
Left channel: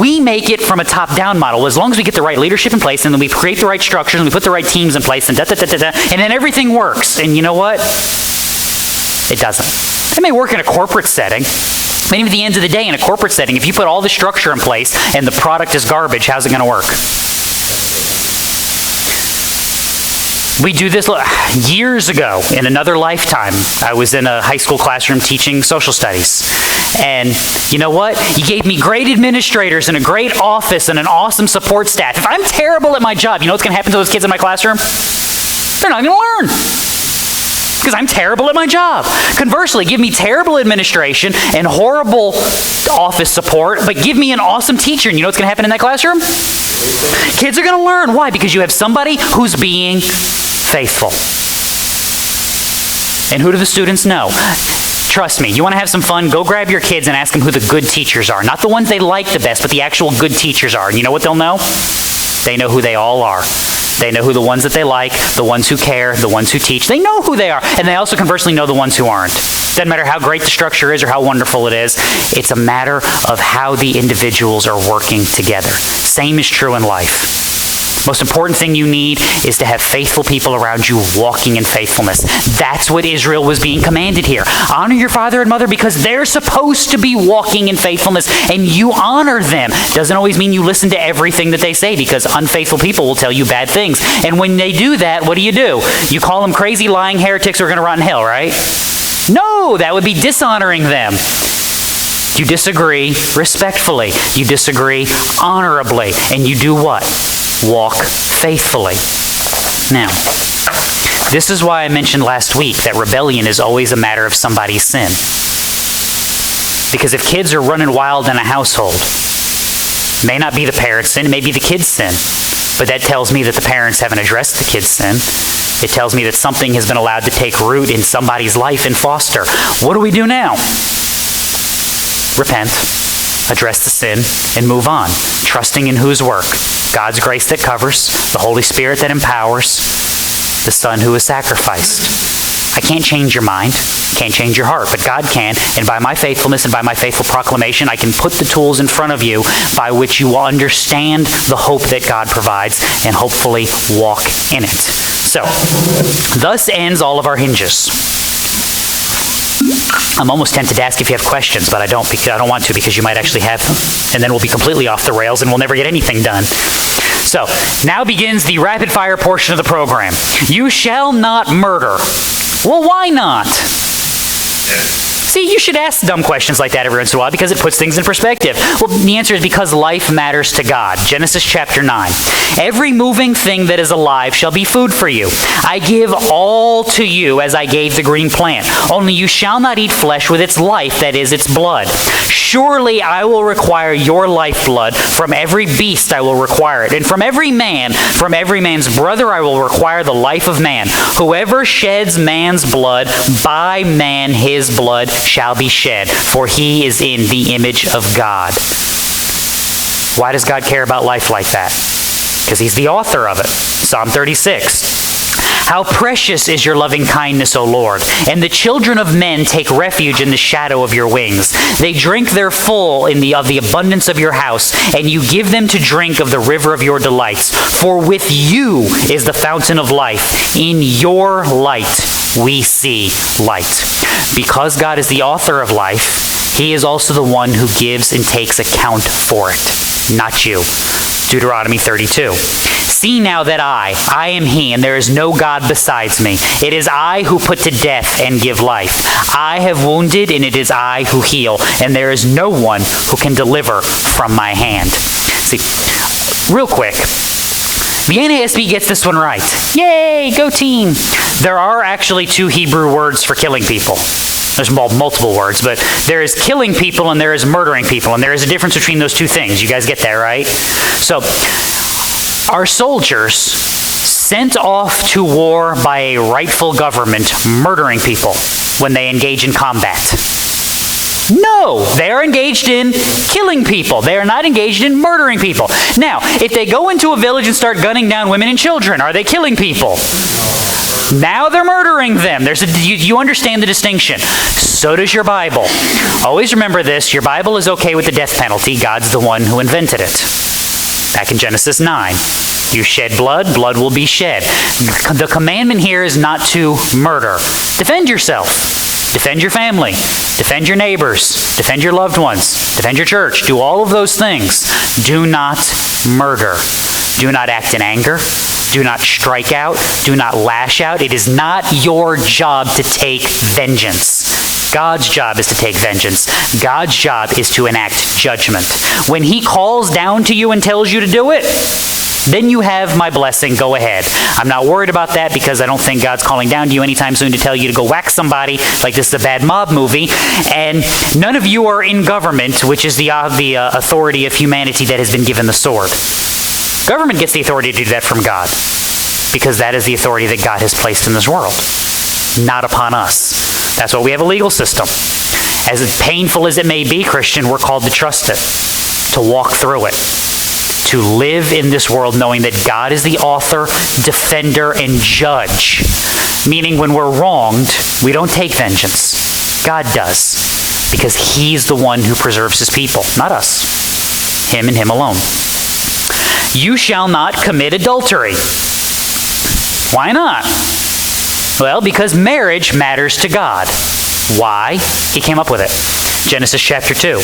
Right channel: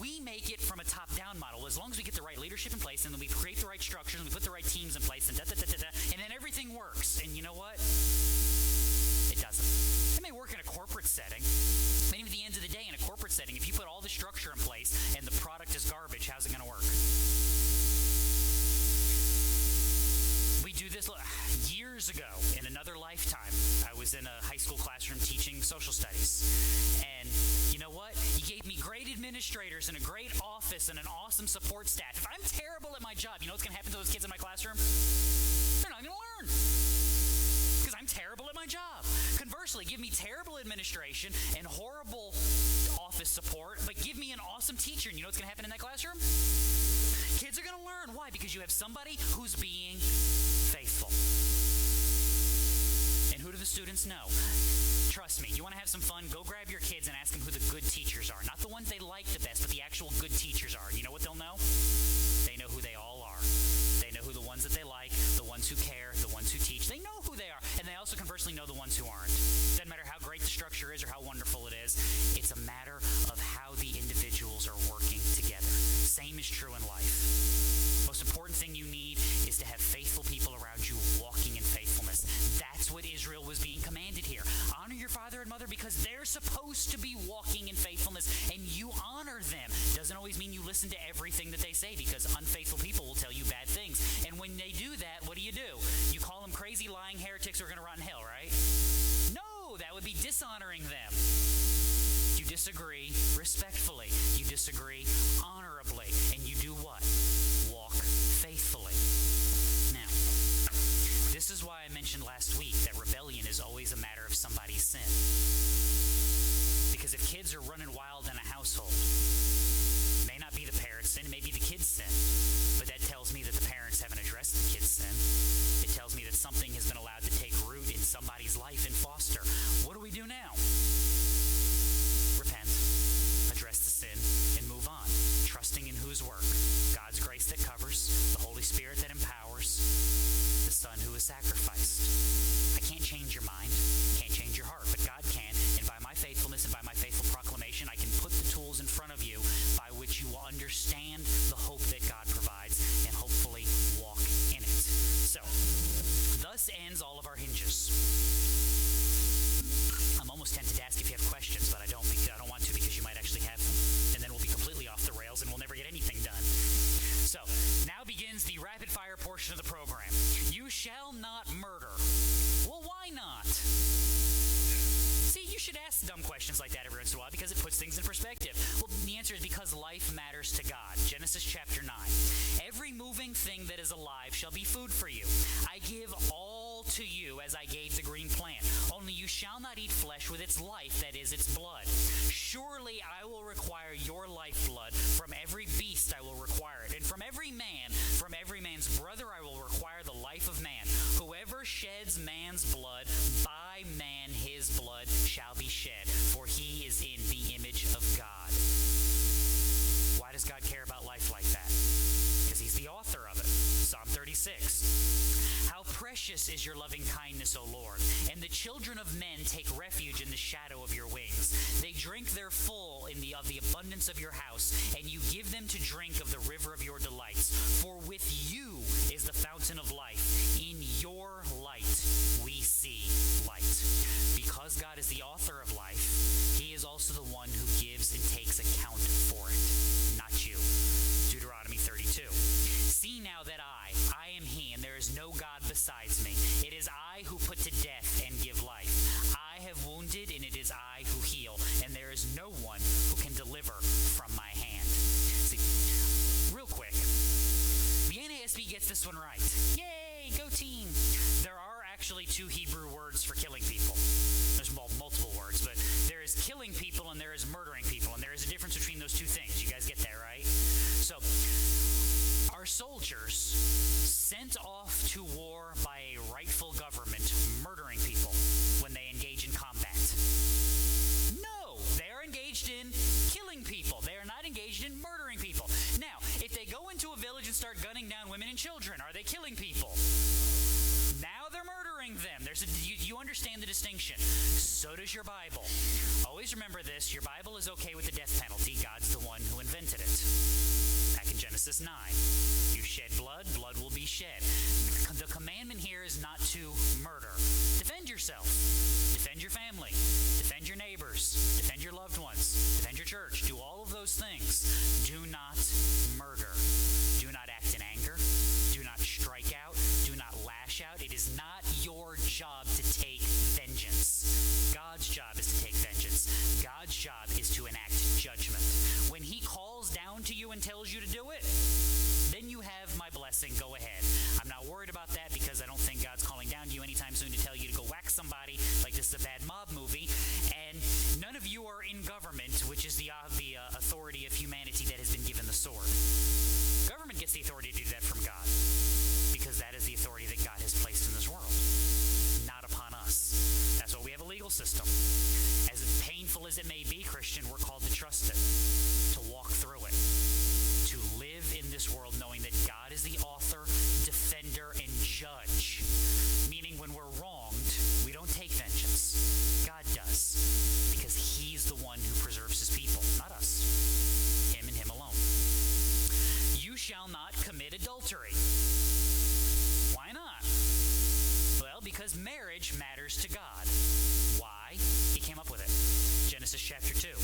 We make it from a top-down model. As long as we get the right leadership in place, and then we create the right structures, and we put the right teams in place, and and then everything works. And you know what? It doesn't. It may work in a corporate setting. But even at the end of the day, in a corporate setting, if you put all the structure in place and the product is garbage, how's it going to work? We do this years ago in another lifetime. I was in a high school classroom teaching social studies. And you know what? He gave me great administrators and a great office and an awesome support staff. If I'm terrible at my job, you know what's going to happen to those kids in my classroom? They're not going to learn. Because I'm terrible at my job. Conversely, give me terrible administration and horrible office support, but give me an awesome teacher, and you know what's going to happen in that classroom? Kids are going to learn. Why? Because you have somebody who's being faithful. And who do the students know? Trust me, you want to have some fun, go grab your kids and ask them who the good teachers are. Not the ones they like the best, but the actual good teachers are. And you know what they'll know? They know who they all are. They know who the ones that they like, the ones who care, the ones who teach. They know who they are. And they also conversely know the ones who aren't. Doesn't matter how great the structure is or how wonderful it is. It's a matter of how the individuals are working together. Same is true in life. Most important thing you need is to have faithful people around you walking in faithfulness. That's what Israel was being commanded here. Honor your father and mother because they're supposed to be walking in faithfulness, and you honor them. Doesn't always mean you listen to everything that they say, because unfaithful people will tell you bad things. And when they do that, what do? You call them crazy, lying heretics who are going to rot in hell, right? No, that would be dishonoring them. You disagree respectfully. You disagree honorably. And you do what? Walk faithfully. Now, this is why I mentioned last week that rebellion is always a matter of somebody's sin. Because if kids are running wild in a household, it may not be the parents' sin, it may be the kids' sin. But that tells me that the parents haven't addressed the kids' sin. It tells me that something has been allowed to take root in somebody's life and foster. What do we do now? Repent, address the sin, and move on, trusting in whose work? God's grace that covers, the Holy Spirit that empowers, the Son who is sacrificed. I can't change your mind, can't change your heart, but God can, and by my faithfulness and by my faithful proclamation, I can put the tools in front of you by which you will understand the hope that God provides and hopefully walk in it. So, thus ends all of our hinges. I'm almost tempted to ask if you have questions, but I don't want to, because you might actually have them. And then we'll be completely off the rails and we'll never get anything done. So, now begins the rapid fire portion of the program. You shall not murder. Well, why not? See, you should ask dumb questions like that every once in a while because it puts things in perspective. Well, the answer is because life matters to God. Genesis chapter 9. Every moving thing that is alive shall be food for you. I give all to you as I gave the green plant. Only you shall not eat flesh with its life, that is, its blood. Surely I will require your lifeblood. From every beast I will require it. And from every man's brother I will require the life of man. Whoever sheds man's blood, by man his blood shall be shed, for he is in the image of God. Why does God care about life like that? Because he's the author of it. Psalm 36. How precious is your loving kindness, O Lord, and the children of men take refuge in the shadow of your wings. They drink their full of the abundance of your house, and you give them to drink of the river of your delights. For with you is the fountain of life. In your light we see light. Because God is the author of life, he is also the one who gives and takes account for it, not you. Deuteronomy 32. See now that I am he, and there is no God besides me. It is I who put to death and give life. I have wounded, and it is I who heal, and there is no one who can deliver from my hand. See, real quick, The NASB gets this one right. Yay, go team. There are actually 2 Hebrew words for killing people. There's multiple words, but there is killing people and there is murdering people, and there is a difference between those 2 things. You guys get that, right? So, our soldiers sent off to war by a rightful government murdering people when they engage in combat. No, they are engaged in killing people. They are not engaged in murdering people. Now, if they go into a village and start gunning down women and children, are they killing people? Now they're murdering them. You understand the distinction. So does your Bible. Always remember this. Your Bible is okay with the death penalty. God's the one who invented it. Back in Genesis 9. You shed blood, blood will be shed. The commandment here is not to murder. Defend yourself. Defend your family. Defend your neighbors. Defend your loved ones. Defend your church. Do all of those things. Do not murder. Do not act in anger. Do not strike out. Do not lash out. It is not your job to take vengeance. God's job is to take vengeance. God's job is to enact judgment. When He calls down to you and tells you to do it, then you have my blessing. Go ahead. I'm not worried about that because I don't think God's calling down to you anytime soon to tell you to go whack somebody like this is a bad mob movie. And none of you are in government, which is the authority of humanity that has been given the sword. Government gets the authority to do that from God because that is the authority that God has placed in this world, not upon us. That's why we have a legal system. As painful as it may be, Christian, we're called to trust it, to walk through it, to live in this world knowing that God is the author, defender, and judge. Meaning when we're wronged, we don't take vengeance. God does. Because He's the one who preserves His people, not us. Him and Him alone. You shall not commit adultery. Why not? Well, because marriage matters to God. Why? He came up with it. Genesis chapter 2.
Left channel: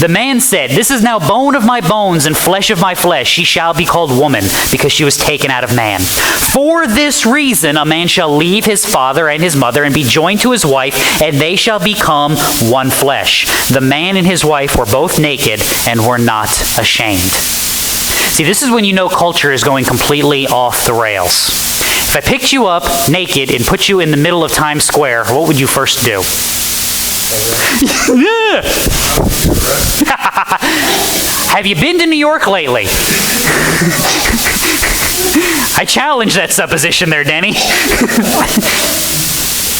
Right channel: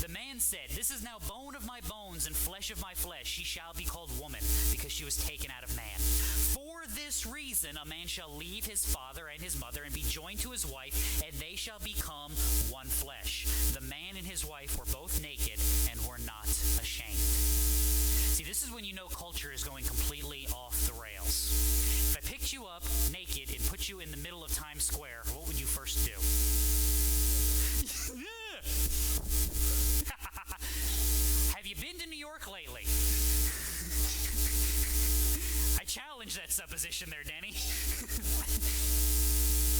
The man said, "This is now bone of my bones and flesh of my flesh. She shall be called woman, because she was taken out of man. For this reason a man shall leave his father and his mother and be joined to his wife, and they shall become one flesh. The man and his wife were both naked and were not ashamed." See, this is when you know culture is going completely off the rails. If I picked you up naked and put you in the middle of Times Square, what would you first do? Have you been to New York lately? I challenge that supposition there, Denny.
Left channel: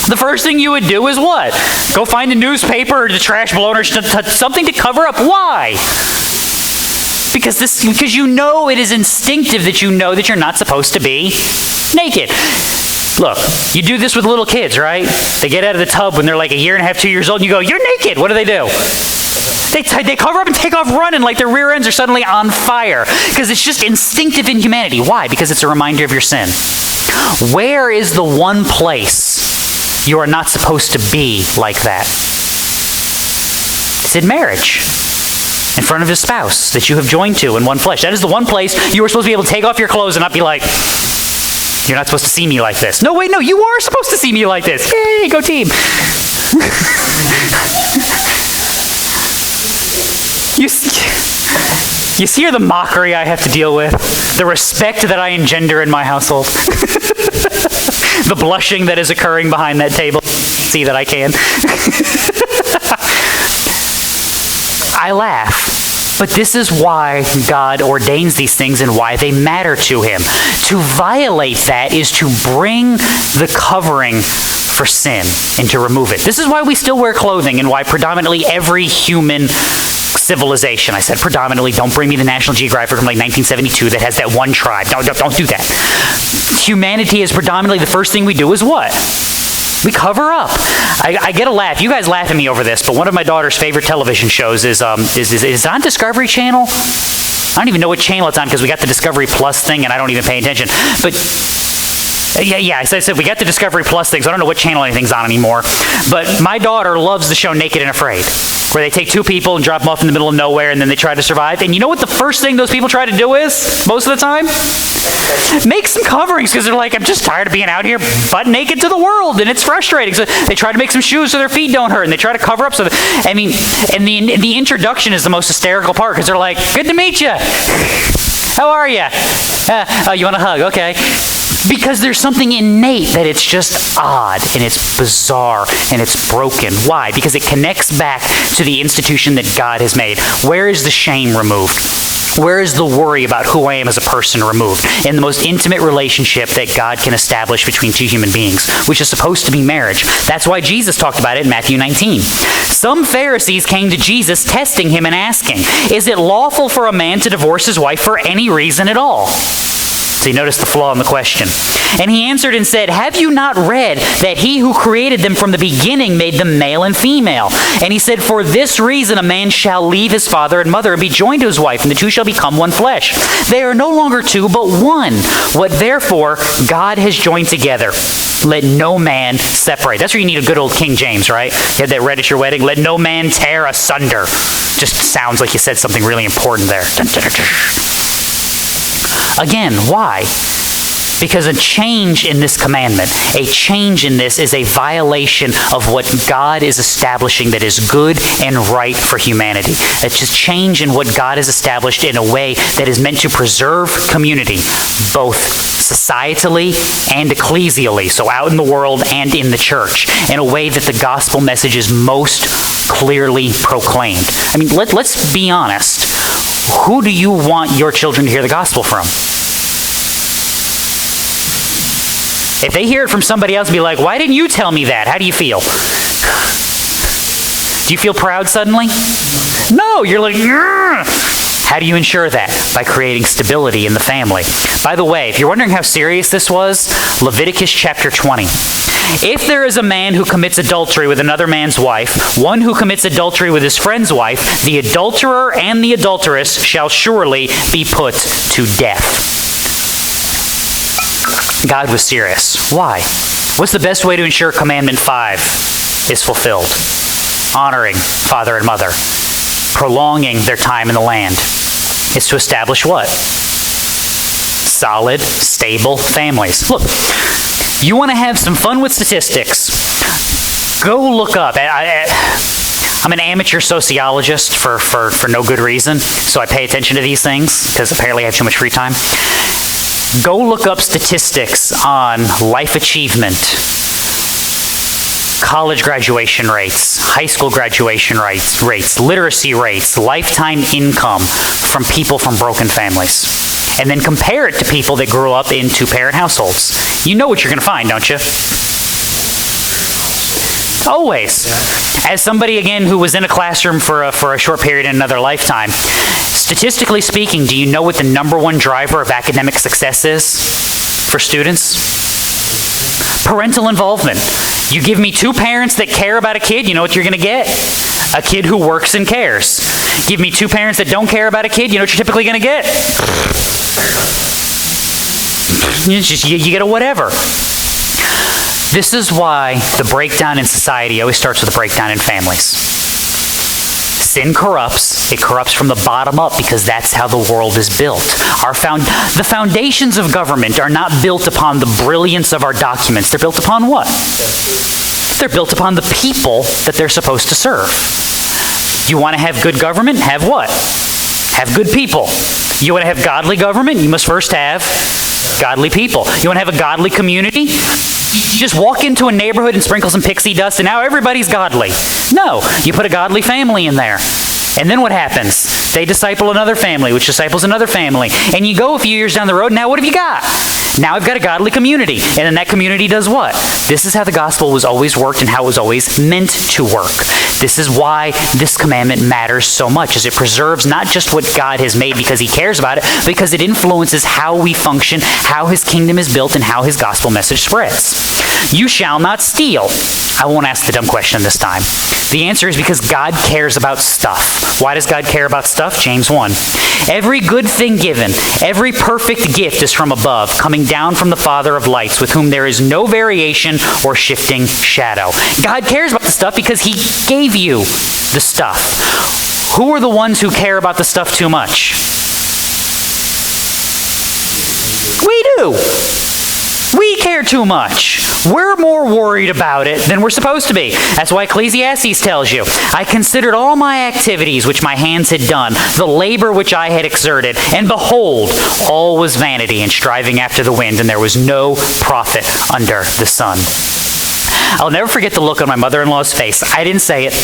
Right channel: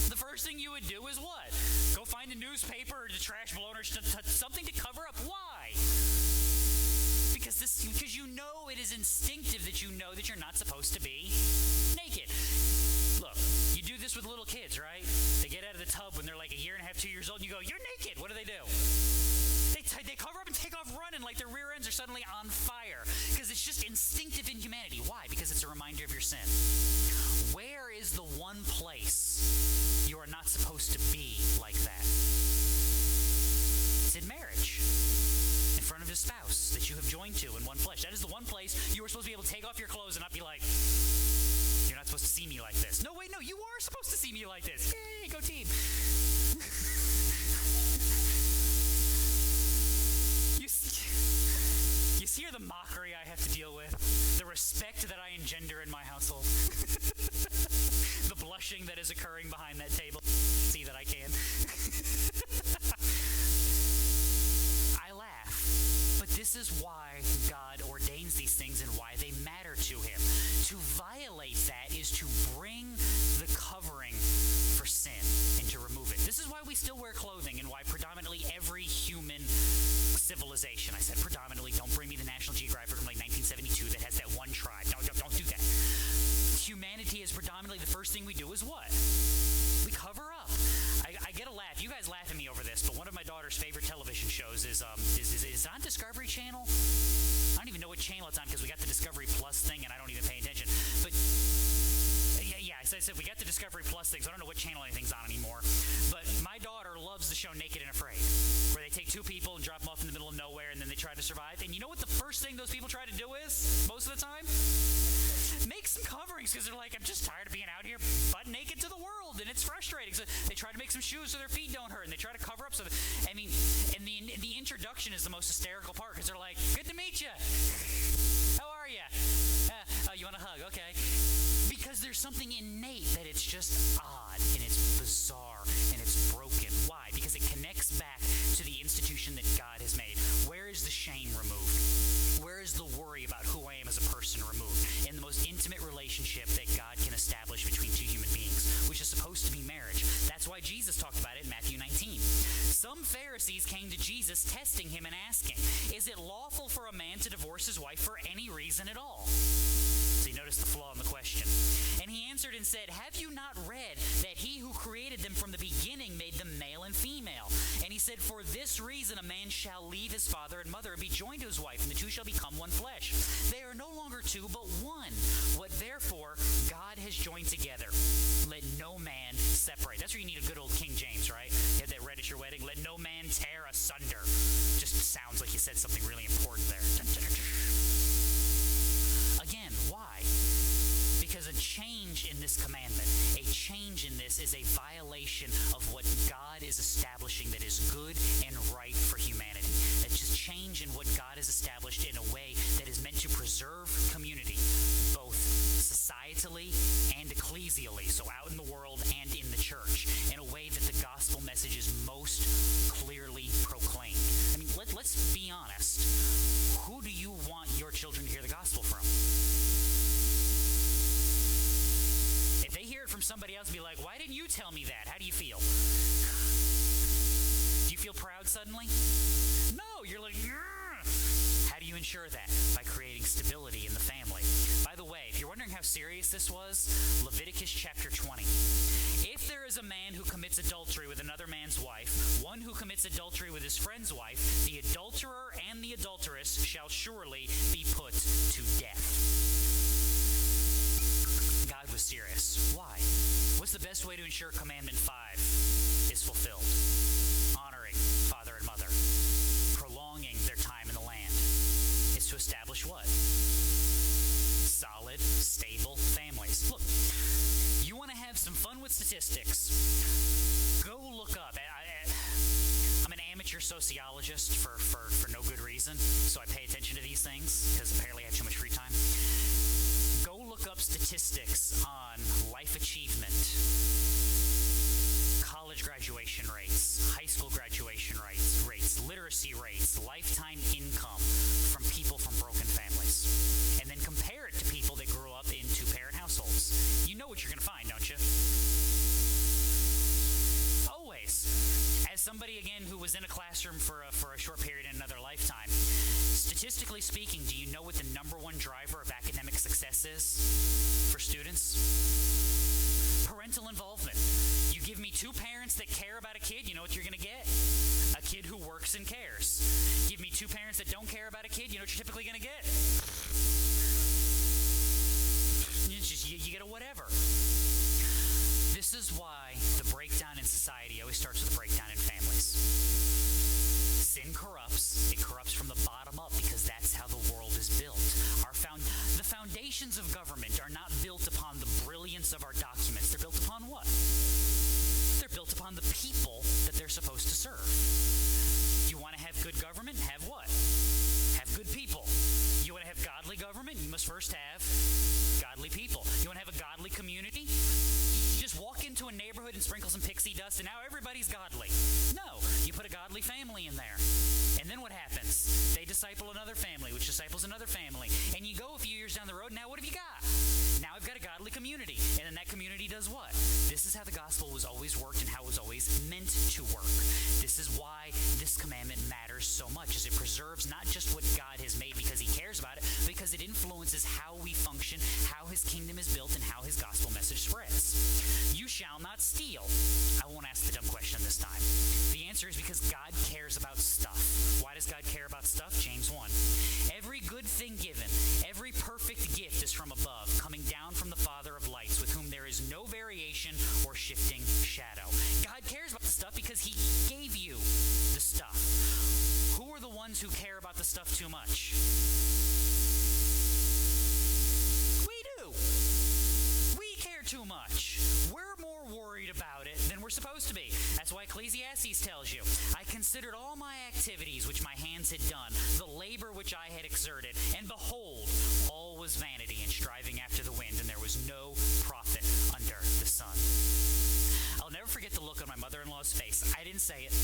The first thing you would do is what? Go find the newspaper or the trash blown or something to cover up. Why? Because you know it is instinctive that you know that you're not supposed to be naked. Look, you do this with little kids, right? They get out of the tub when they're like 1.5 years, 2 years old, and you go, "You're naked." What do? They cover up and take off running like their rear ends are suddenly on fire. Because it's just instinctive in humanity. Why? Because it's a reminder of your sin. Where is the one place you are not supposed to be like that? It's in marriage. In front of his spouse that you have joined to in one flesh. That is the one place you are supposed to be able to take off your clothes and not be like, "You're not supposed to see me like this." No, wait, no, you are supposed to see me like this. Yay, go team. You see the mockery I have to deal with? The respect that I engender in my household? The blushing that is occurring behind that table? See that I can? I laugh. But this is why God ordains these things and why they matter to Him. To violate that is to bring the covering for sin and to remove it. This is why we still wear clothing and why predominantly every human civilization, I said predominantly, don't bring me the National Geographic from like 1972 that has that one tribe. Don't do that. Humanity is predominantly, the first thing we do is what? We cover up. I get a laugh. You guys laugh at me over this, but one of my daughter's favorite television shows is on Discovery Channel. I don't even know what channel it's on because we got the Discovery Plus thing and I don't even pay attention. But yeah, I said we got the Discovery Plus thing, so I don't know what channel anything's on anymore. But my daughter loves the show Naked and Afraid, where they take 2 people and drop them off in the middle of nowhere and then they try to survive. And you know what the first thing those people try to do is, most of the time? Make some coverings, because they're like, "I'm just tired of being out here butt naked to the world, and it's frustrating." So they try to make some shoes so their feet don't hurt, and they try to cover up. And the introduction is the most hysterical part, because they're like, "Good to meet you. How are you? Oh, you want a hug? Okay. Because there's something innate that it's just odd and it's bizarre and it's broken. Why? Because it connects back to the institution that God has made. Where is the shame removed? Where is the worry about who I am as a person removed? In the most intimate relationship that God can establish between two human beings, which is supposed to be marriage. That's why Jesus talked about it in Matthew 19. Some Pharisees came to Jesus testing him and asking, is it lawful for a man to divorce his wife for any reason at all? So you notice the flaw in the question. And he answered and said, have you not read that he who created them from the beginning made them male and female? And he said, for this reason a man shall leave his father and mother and be joined to his wife, and the two shall become one flesh. They are no longer two, but one. What therefore God has joined together, let no man separate. That's where you need a good old King James, right? You had that read at your wedding. Let no man tear asunder. Just sounds like you said something really important there. Again, why? Because a change in this commandment, a change in this is a violation of what God is establishing that is good and right for humanity. It's just change in what God has established in a way that is meant to preserve community, both societally and ecclesially, so out in the world and in the church, in a way that the gospel message is most clearly proclaimed. I mean, let's be honest. Who do you want your children to hear the gospel from? If they hear it from somebody else, be like, why didn't you tell me that? How do you feel? Do you feel proud suddenly? No, you're like, "Grr." How do you ensure that? By creating stability in the family. By the way, if you're wondering how serious this was, Leviticus chapter 20. If there is a man who commits adultery with another man's wife, one who commits adultery with his friend's wife, the adulterer and the adulteress shall surely be put to death. God was serious. Why? What's the best way to ensure Commandment 5 is fulfilled? Honoring father and mother, prolonging their time in the land. It's to establish what? Solid, stable families. Look, you want to have some fun with statistics? Go look up. I'm an amateur sociologist for no good reason, so I pay attention to these things because apparently I have too much free time. Go look up statistics on life achievement, college graduation rates, high school graduation rates, literacy rates, lifetime income from people from broken families. And then compare it to people that grew up in two-parent households. You know what you're going to find, don't you? Always. As somebody, again, who was in a classroom for a short period in another lifetime, statistically speaking, do you know what the number one driver of academic success is for students? Parental involvement. You give me two parents that care about a kid, you know what you're going to get? A kid who works and cares. Give me two parents that don't care about a kid, you know what you're typically going to get? You get a whatever. This is why the breakdown in society always starts with a breakdown in families. Sin corrupts. It corrupts from the bottom up because that's how the world is built. The foundations of government are not built upon the brilliance of our documents. They're built upon what? They're built upon the people that they're supposed to serve. You want to have good government? Have what? Have good people. You want to have godly government? You must first have godly people. You want to have a godly community? You just walk into a neighborhood and sprinkle some pixie dust and now everybody's godly. No, you put a godly family in there. And then what happens? They disciple another family, which disciples another family. And you go a few years down the road, and now what have you got? Now I've got a godly community. And then that community does what? This is how the gospel was always worked and how it was always meant to work. This is why this commandment matters so much, as it preserves not just what God has made because he cares about it, but because it influences how we function, how his kingdom is built, and how his gospel message spreads. You shall not steal. I won't ask the dumb question this time. The answer is because God cares about stuff. Why does God care about stuff? James 1. Every good thing given, every perfect gift is from above, coming down from the Father of lights, with whom there is no variation or shifting shadow. God cares about the stuff because he gave you the stuff. Who are the ones who care about the stuff too much? We do. We care too much. We're more worried about it than we're supposed to be. That's why Ecclesiastes tells you, I considered all my activities which my hands had done, the labor which I had exerted, and behold, all was vanity and striving after the wind, and there was no profit under the sun. I'll never forget the look on my mother-in-law's face. I didn't say it.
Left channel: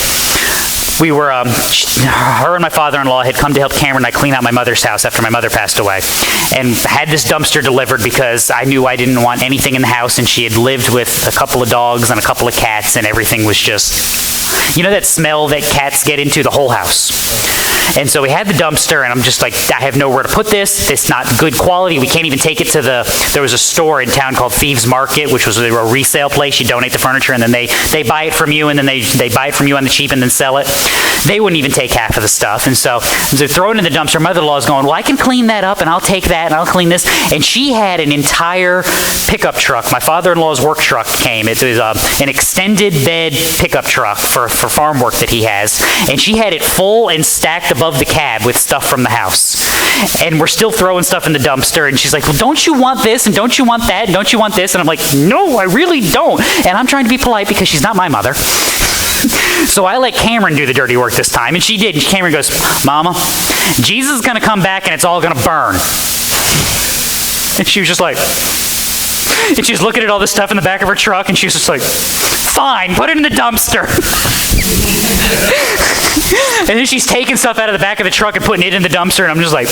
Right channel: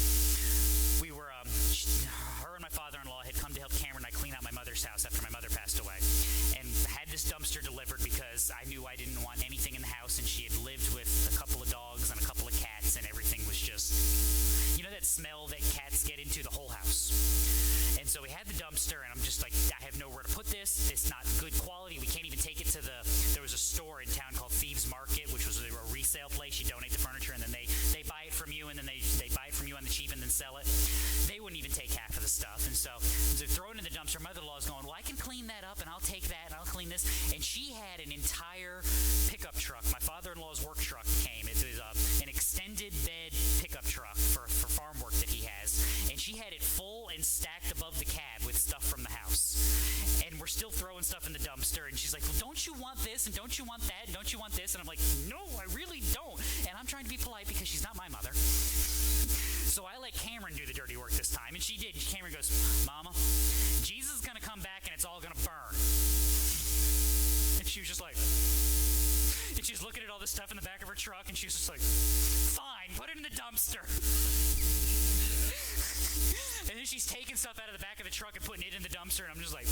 We were, her and my father-in-law had come to help Cameron and I clean out my mother's house after my mother passed away, and had this dumpster delivered because I knew I didn't want anything in the house, and she had lived with a couple of dogs and a couple of cats, and everything was just, you know that smell that cats get into the whole house. And so we had the dumpster, and I'm just like, I have nowhere to put this. It's not good quality. We can't even take it to there was a store in town called Thieves Market, which was a resale place. You donate the furniture, and then they buy it from you, and then they buy it from you on the cheap and then sell it. They wouldn't even take half of the stuff. And so throw it in the dumpster. Mother-in-law's going, well, I can clean that up, and I'll take that, and I'll clean this. And she had an entire pickup truck. My father-in-law's work truck came. It was an extended bed pickup truck for farm work that he has. And she had it full and stacked above the cab with stuff from the house. And we're still throwing stuff in the dumpster, and she's like, well, don't you want this, and don't you want that, and don't you want this? And I'm like, no, I really don't. And I'm trying to be polite because she's not my mother. So I let Cameron do the dirty work this time, and she did. And Cameron goes, Mama, Jesus is going to come back and it's all going to burn. And she was just like, and she was looking at all this stuff in the back of her truck, and she was just like, fine, put it in the dumpster. And then she's taking stuff out of the back of the truck and putting it in the dumpster, and I'm just like,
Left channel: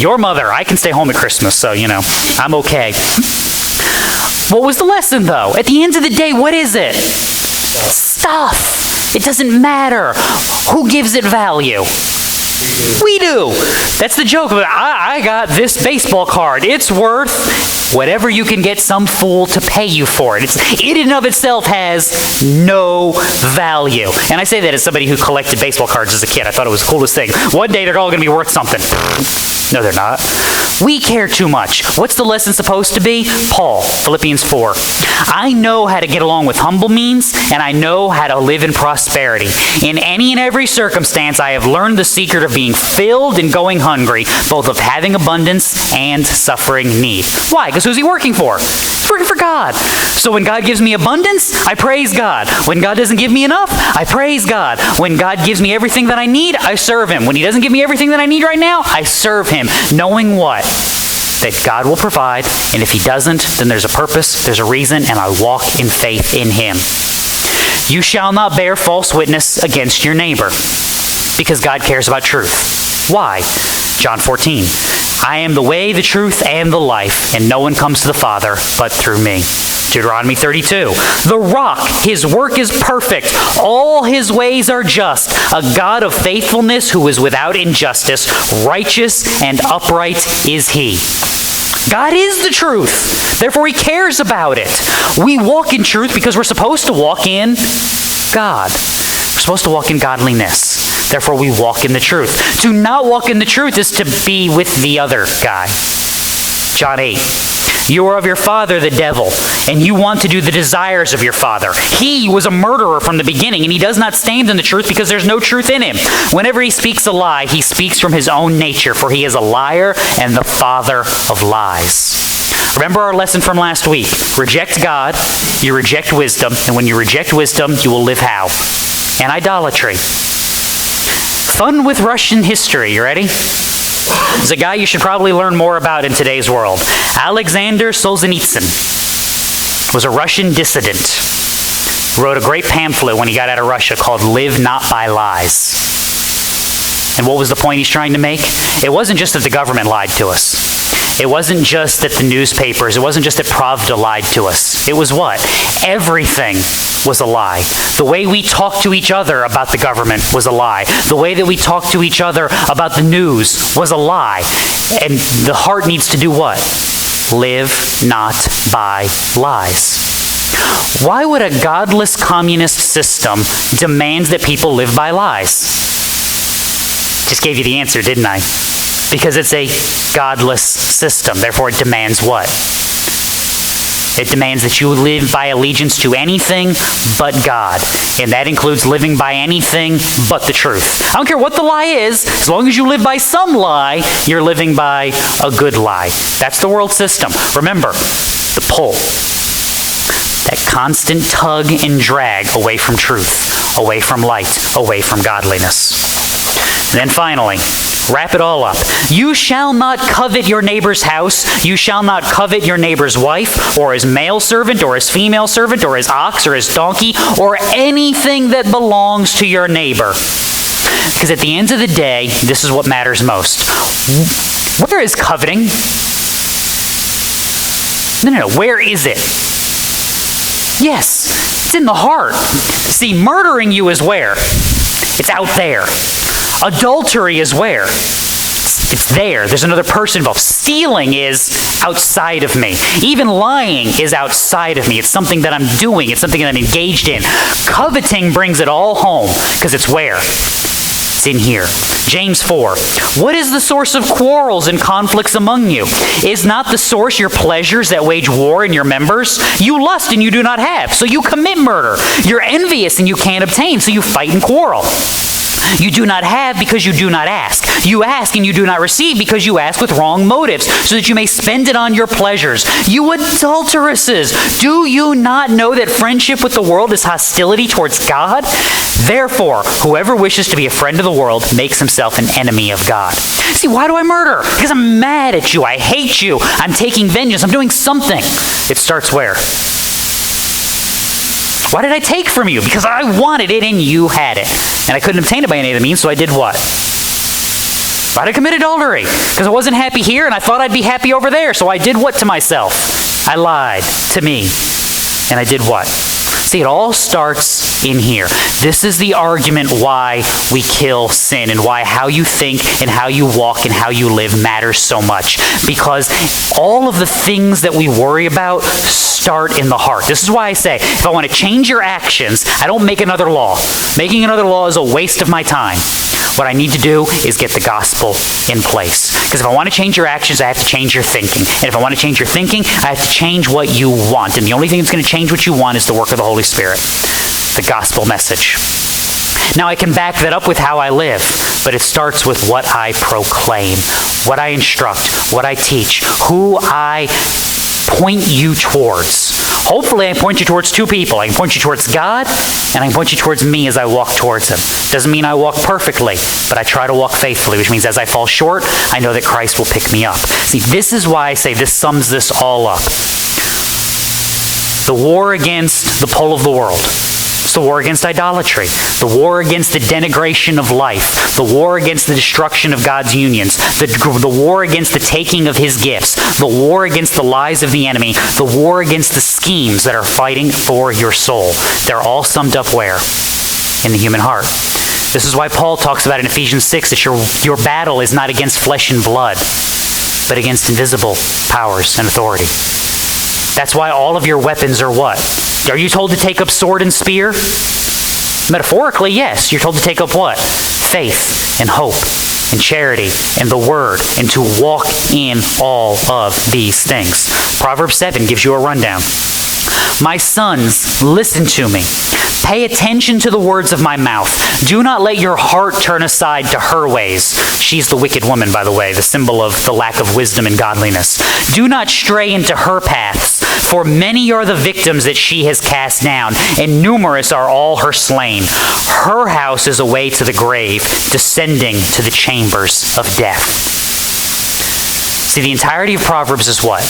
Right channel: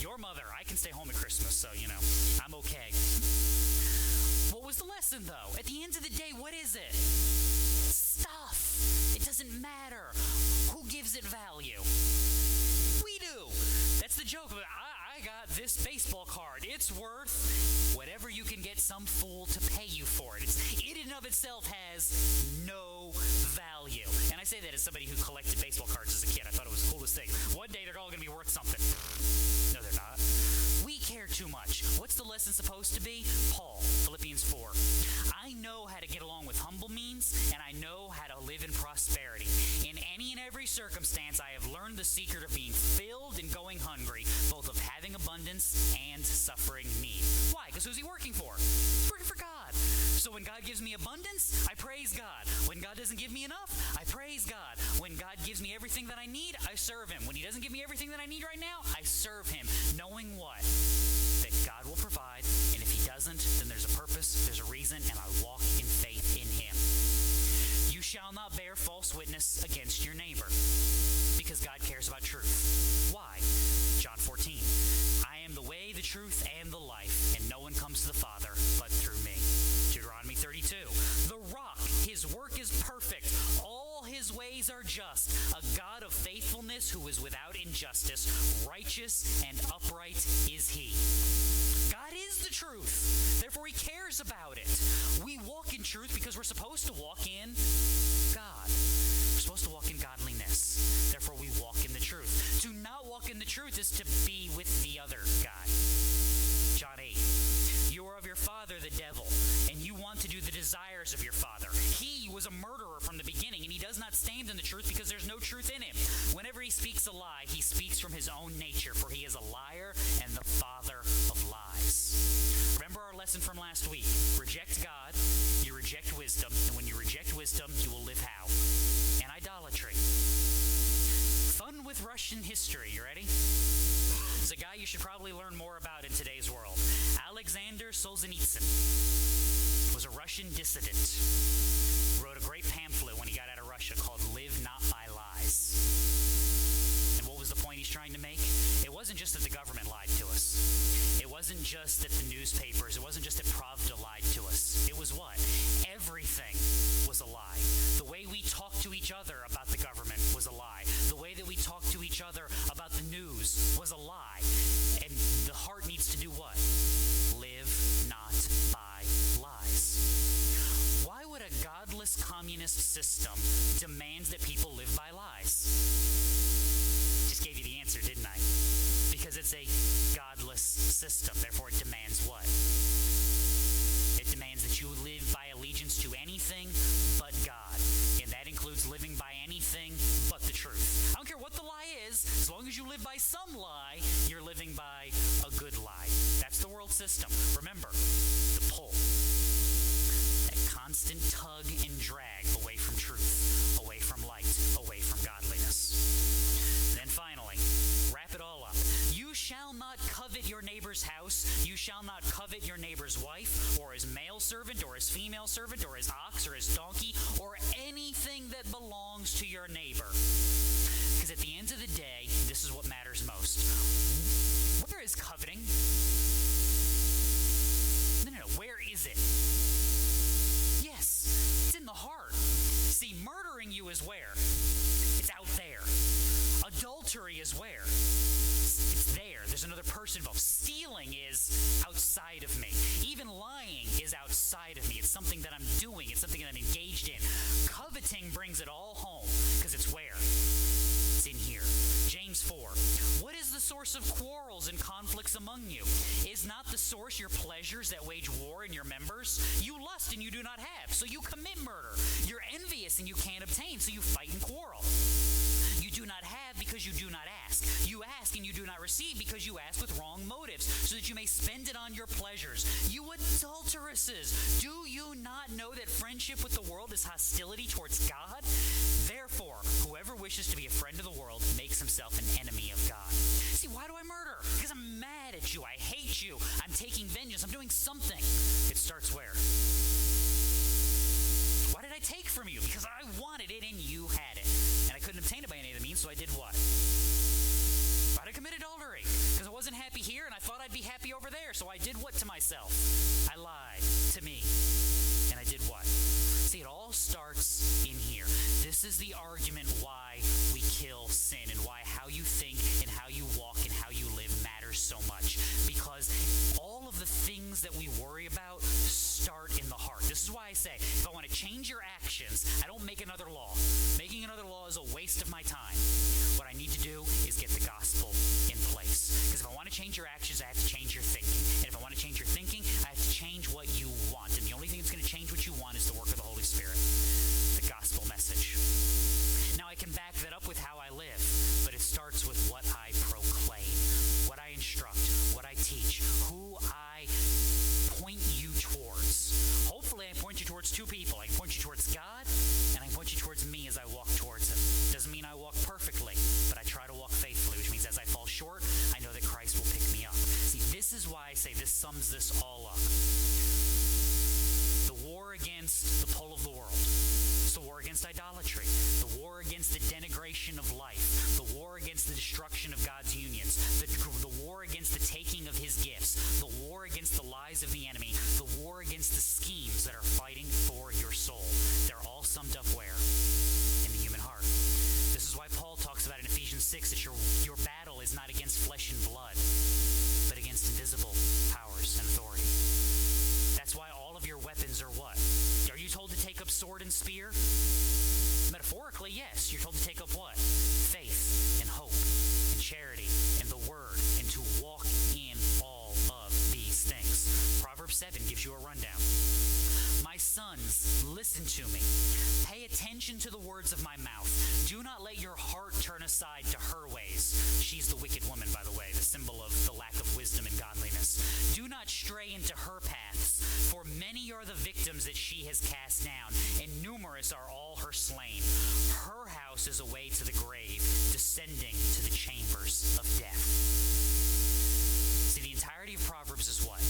your mother, I can stay home at Christmas, so, I'm okay. What was the lesson, though? At the end of the day, what is it? Stuff. It doesn't matter. Who gives it value? We do. That's the joke. I got this baseball card. It's worth whatever you can get some fool to pay you for it. It in and of itself has no value. And I say that as somebody who collected baseball cards as a kid. I thought it was the coolest thing. One day they're all going to be worth something. No, they're not. We care too much. What's the lesson supposed to be? Paul, Philippians 4. I know how to get along with humble means, and I know how to live in prosperity. In any and every circumstance, I have learned the secret of being filled and going hungry, both of having abundance and suffering need. Why? Because who's he working for? He's working for God. So when God gives me abundance, I praise God. When God doesn't give me enough, I praise God. When God gives me everything that I need, I serve Him. When He doesn't give me everything that I need right now, I serve Him, knowing what? That God will provide, and if He doesn't, then there's a purpose, there's a reason, and I walk in faith in Him. You shall not bear false witness against your neighbor, because God cares about truth. Why? John 14. I am the way, the truth, and the life, and no one comes to the Father but through me. Deuteronomy 32. The rock, His work is perfect. All His ways are just. A God of faithfulness who is without injustice. Righteous and upright is He. God is the truth. Therefore, He cares about it. We walk in truth because we're supposed to walk in God. We're supposed to walk in godliness. Therefore, we walk in the truth. To not walk in the truth is to be with the other guy. John 8. You are of your father, the devil, and you want to do the desires of your father. He was a murderer from the beginning, and he does not stand in the truth because there's no truth in him. Whenever he speaks a lie, he speaks from his own nature, for he is a liar and the father of lies. Remember our lesson from last week. Reject God, you reject wisdom, and when you reject wisdom, you will live how? In idolatry. Fun with Russian history. You ready? There's a guy you should probably learn more about in today's world. Alexander Solzhenitsyn was a Russian dissident. Wrote a great pamphlet when he got out of Russia called Live Not by Lies. And what was the point he's trying to make? It wasn't just that the government lied to us. It wasn't just that the newspapers, it wasn't just that Pravda lied to us. It was what? Everything was a lie. The way we talk to each other about the government was a lie. The way that we talk to each other about the news was a lie. And the heart needs to do what? Live not by lies. Why would a godless communist system demand that people live by lies? Just gave you the answer, didn't I? Because it's a godless system. Therefore, it demands what? It demands that you live by allegiance to anything but God. And that includes living by anything but the truth. I don't care what the lie is. As long as you live by some lie, you're living by a good lie. That's the world system. Remember, the pull. That constant tug and drag away from truth, away from light, away from godliness. And then finally, wrap it all up. You shall not covet your neighbor's house. You shall not covet your neighbor's wife, or his male servant, or his female servant, or his ox, or his donkey, or anything that belongs to your neighbor. Because at the end of the day, this is what matters most. Where is coveting? No. Where is it? Yes, it's in the heart. See, murdering you is where? It's out there. Adultery is where? It's there. There's another person involved. Stealing is outside of me. Even lying is outside of me. It's something that I'm doing. It's something that I'm engaged in. Coveting brings it all home because it's where? It's in here. James 4. What is the source of quarrels and conflicts among you? Is not the source your pleasures that wage war in your members? You lust and you do not have, so you commit murder. You're envious and you can't obtain, so you fight and quarrel. You do not have because you do not ask. You ask and you do not receive because you ask with wrong motives, so that you may spend it on your pleasures. You adulteresses, do you not know that friendship with the world is hostility towards God? Therefore, whoever wishes to be a friend of the world makes himself an enemy of God. See, why do I murder? Because I'm mad at you. I hate you. I'm taking vengeance. I'm doing something. It starts where? Why did I take from you? Because I wanted it and you had it. And I couldn't obtain it by any of the means, so I did what? Why did I commit adultery? Because I wasn't happy here and I thought I'd be happy over there, so I did what to myself? I lied to me. And I did what? See, it all starts in here. This is the argument why we kill sin and why how you think and how you walk and how you live matters so much. Because all of the things that we worry about start in the heart. This is why I say, if I want to change your actions, I don't make another law. Making another law is a waste of my time. What I need to do is get the gospel in place. Because if I want to change your actions, I have to change your thinking. And if I want to change your thinking, I have to change what you want. And the only thing that's going to change what you want is the work of the Holy Spirit, the gospel message. Now, I can back that up with how I live, but it starts with what I proclaim, what I instruct, what I teach, who I point you towards. Hopefully, I point you towards two people. I can point you towards God, and I can point you towards me as I walk towards Him. Doesn't mean I walk perfectly, but I try to walk faithfully, which means as I fall short, I know that Christ will pick me up. See, this is why I say this sums this all up. The war against the pull of the world. It's the war against idolatry, the war against the denigration of life, the war against the destruction of God's unions, the war against the taking of His gifts, the war against the lies of the enemy, the war against the schemes that are fighting for your soul. They're all summed up where? In the human heart. This is why Paul talks about in Ephesians 6 that your battle is not against flesh and blood, but against invisible powers and authority. That's why all of your weapons are what? Are you told to take up sword and spear? Metaphorically, yes. You're told to take up what? Faith and hope and charity and the word, and to walk in all of these things. Proverbs 7 gives you a rundown. My sons, listen to me. Pay attention to the words of my mouth. Do not let your heart turn aside to her ways. She's the wicked woman, by the way, the symbol of the lack of wisdom and godliness. Do not stray into her paths, for many are the victims that she has cast down, and numerous are all her slain. Her house is a way to the grave, descending to the chambers of death. See, the entirety of Proverbs is what?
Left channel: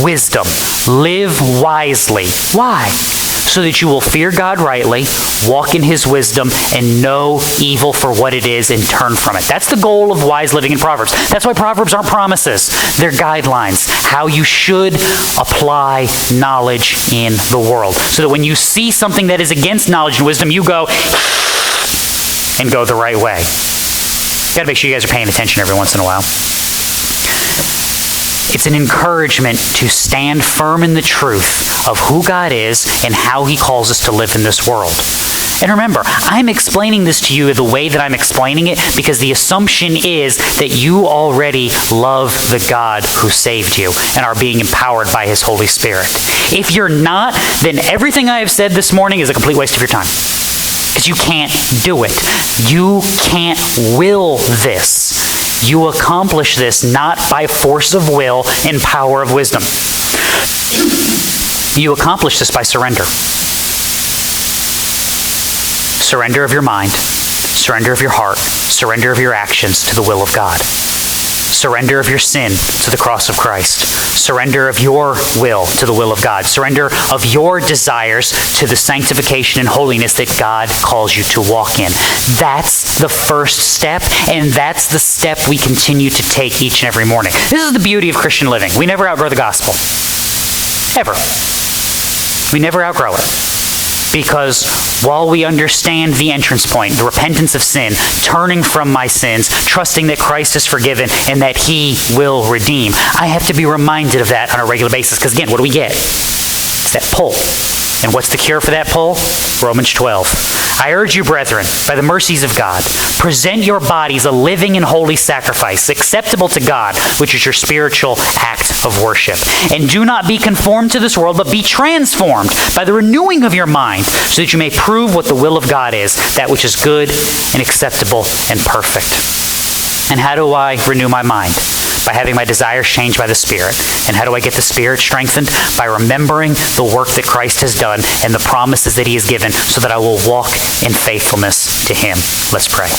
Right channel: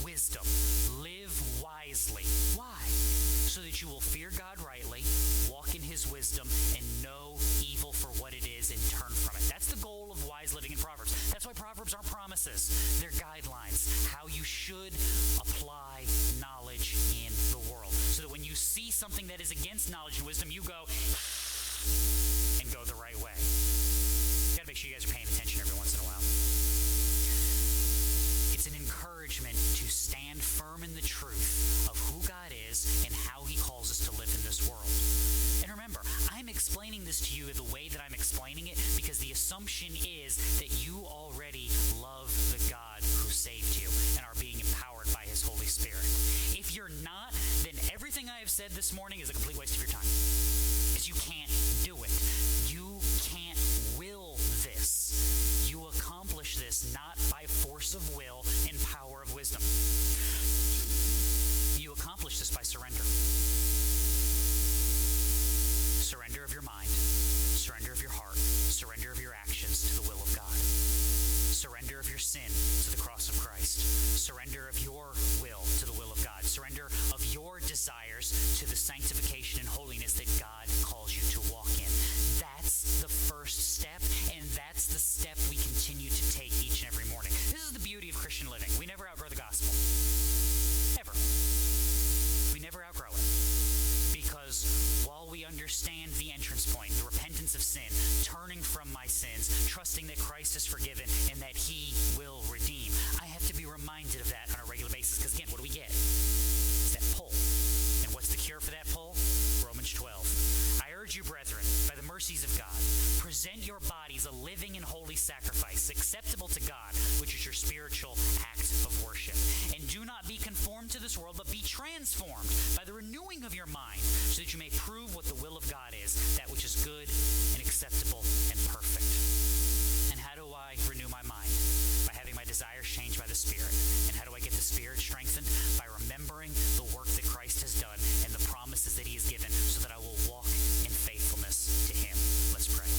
Wisdom. Live wisely. Why? So that you will fear God rightly, walk in His wisdom, and know evil for what it is and turn from it. That's the goal of wise living in Proverbs. That's why Proverbs aren't promises. They're guidelines, how you should apply knowledge in the world. So that when you see something that is against knowledge and wisdom, you go and go the right way. Got to make sure you guys are paying attention every once in a while. It's an encouragement to stand firm in the truth of who God is and how He calls us to live in this world. And remember, I'm explaining this to you the way that I'm explaining it because the assumption is that you already love the God who saved you and are being empowered by His Holy Spirit. If you're not, then everything I have said this morning is a complete waste of your time. Because you can't do it. You can't will this. You accomplish this not by force of will and power of wisdom. You accomplish this by surrender. Surrender of your mind, surrender of your heart, surrender of your actions to the will of God. Surrender of your sin to the cross of Christ. Surrender of your will to the will of God. Surrender of your desires to the sanctification and holiness that God calls you to walk in. That's the first step, and that's the step we continue to take each and every morning. This is the beauty of Christian living. We never outgrow the gospel. Ever. We never outgrow it. Because while we understand the entrance point, the repentance of sin, turning from my sins, trusting that Christ is forgiven and that he will redeem, I have to be reminded of that on a regular basis. Because again, what do we get? It's that pull. And what's the cure for that pull? Romans 12. I urge you, brethren, by the mercies of God, present your bodies a living and holy sacrifice, acceptable to God, which is your spiritual act of worship. And do not be conformed to this world, but be transformed by the renewing of your mind, so that you may prove what the will of God is, that which is good and acceptable and perfect. And how do I renew my mind? By having my desires changed by the Spirit. And how do I get the Spirit strengthened? By remembering the work that Christ has done and the promises that he has given, so that I will walk in faithfulness to him. Let's pray.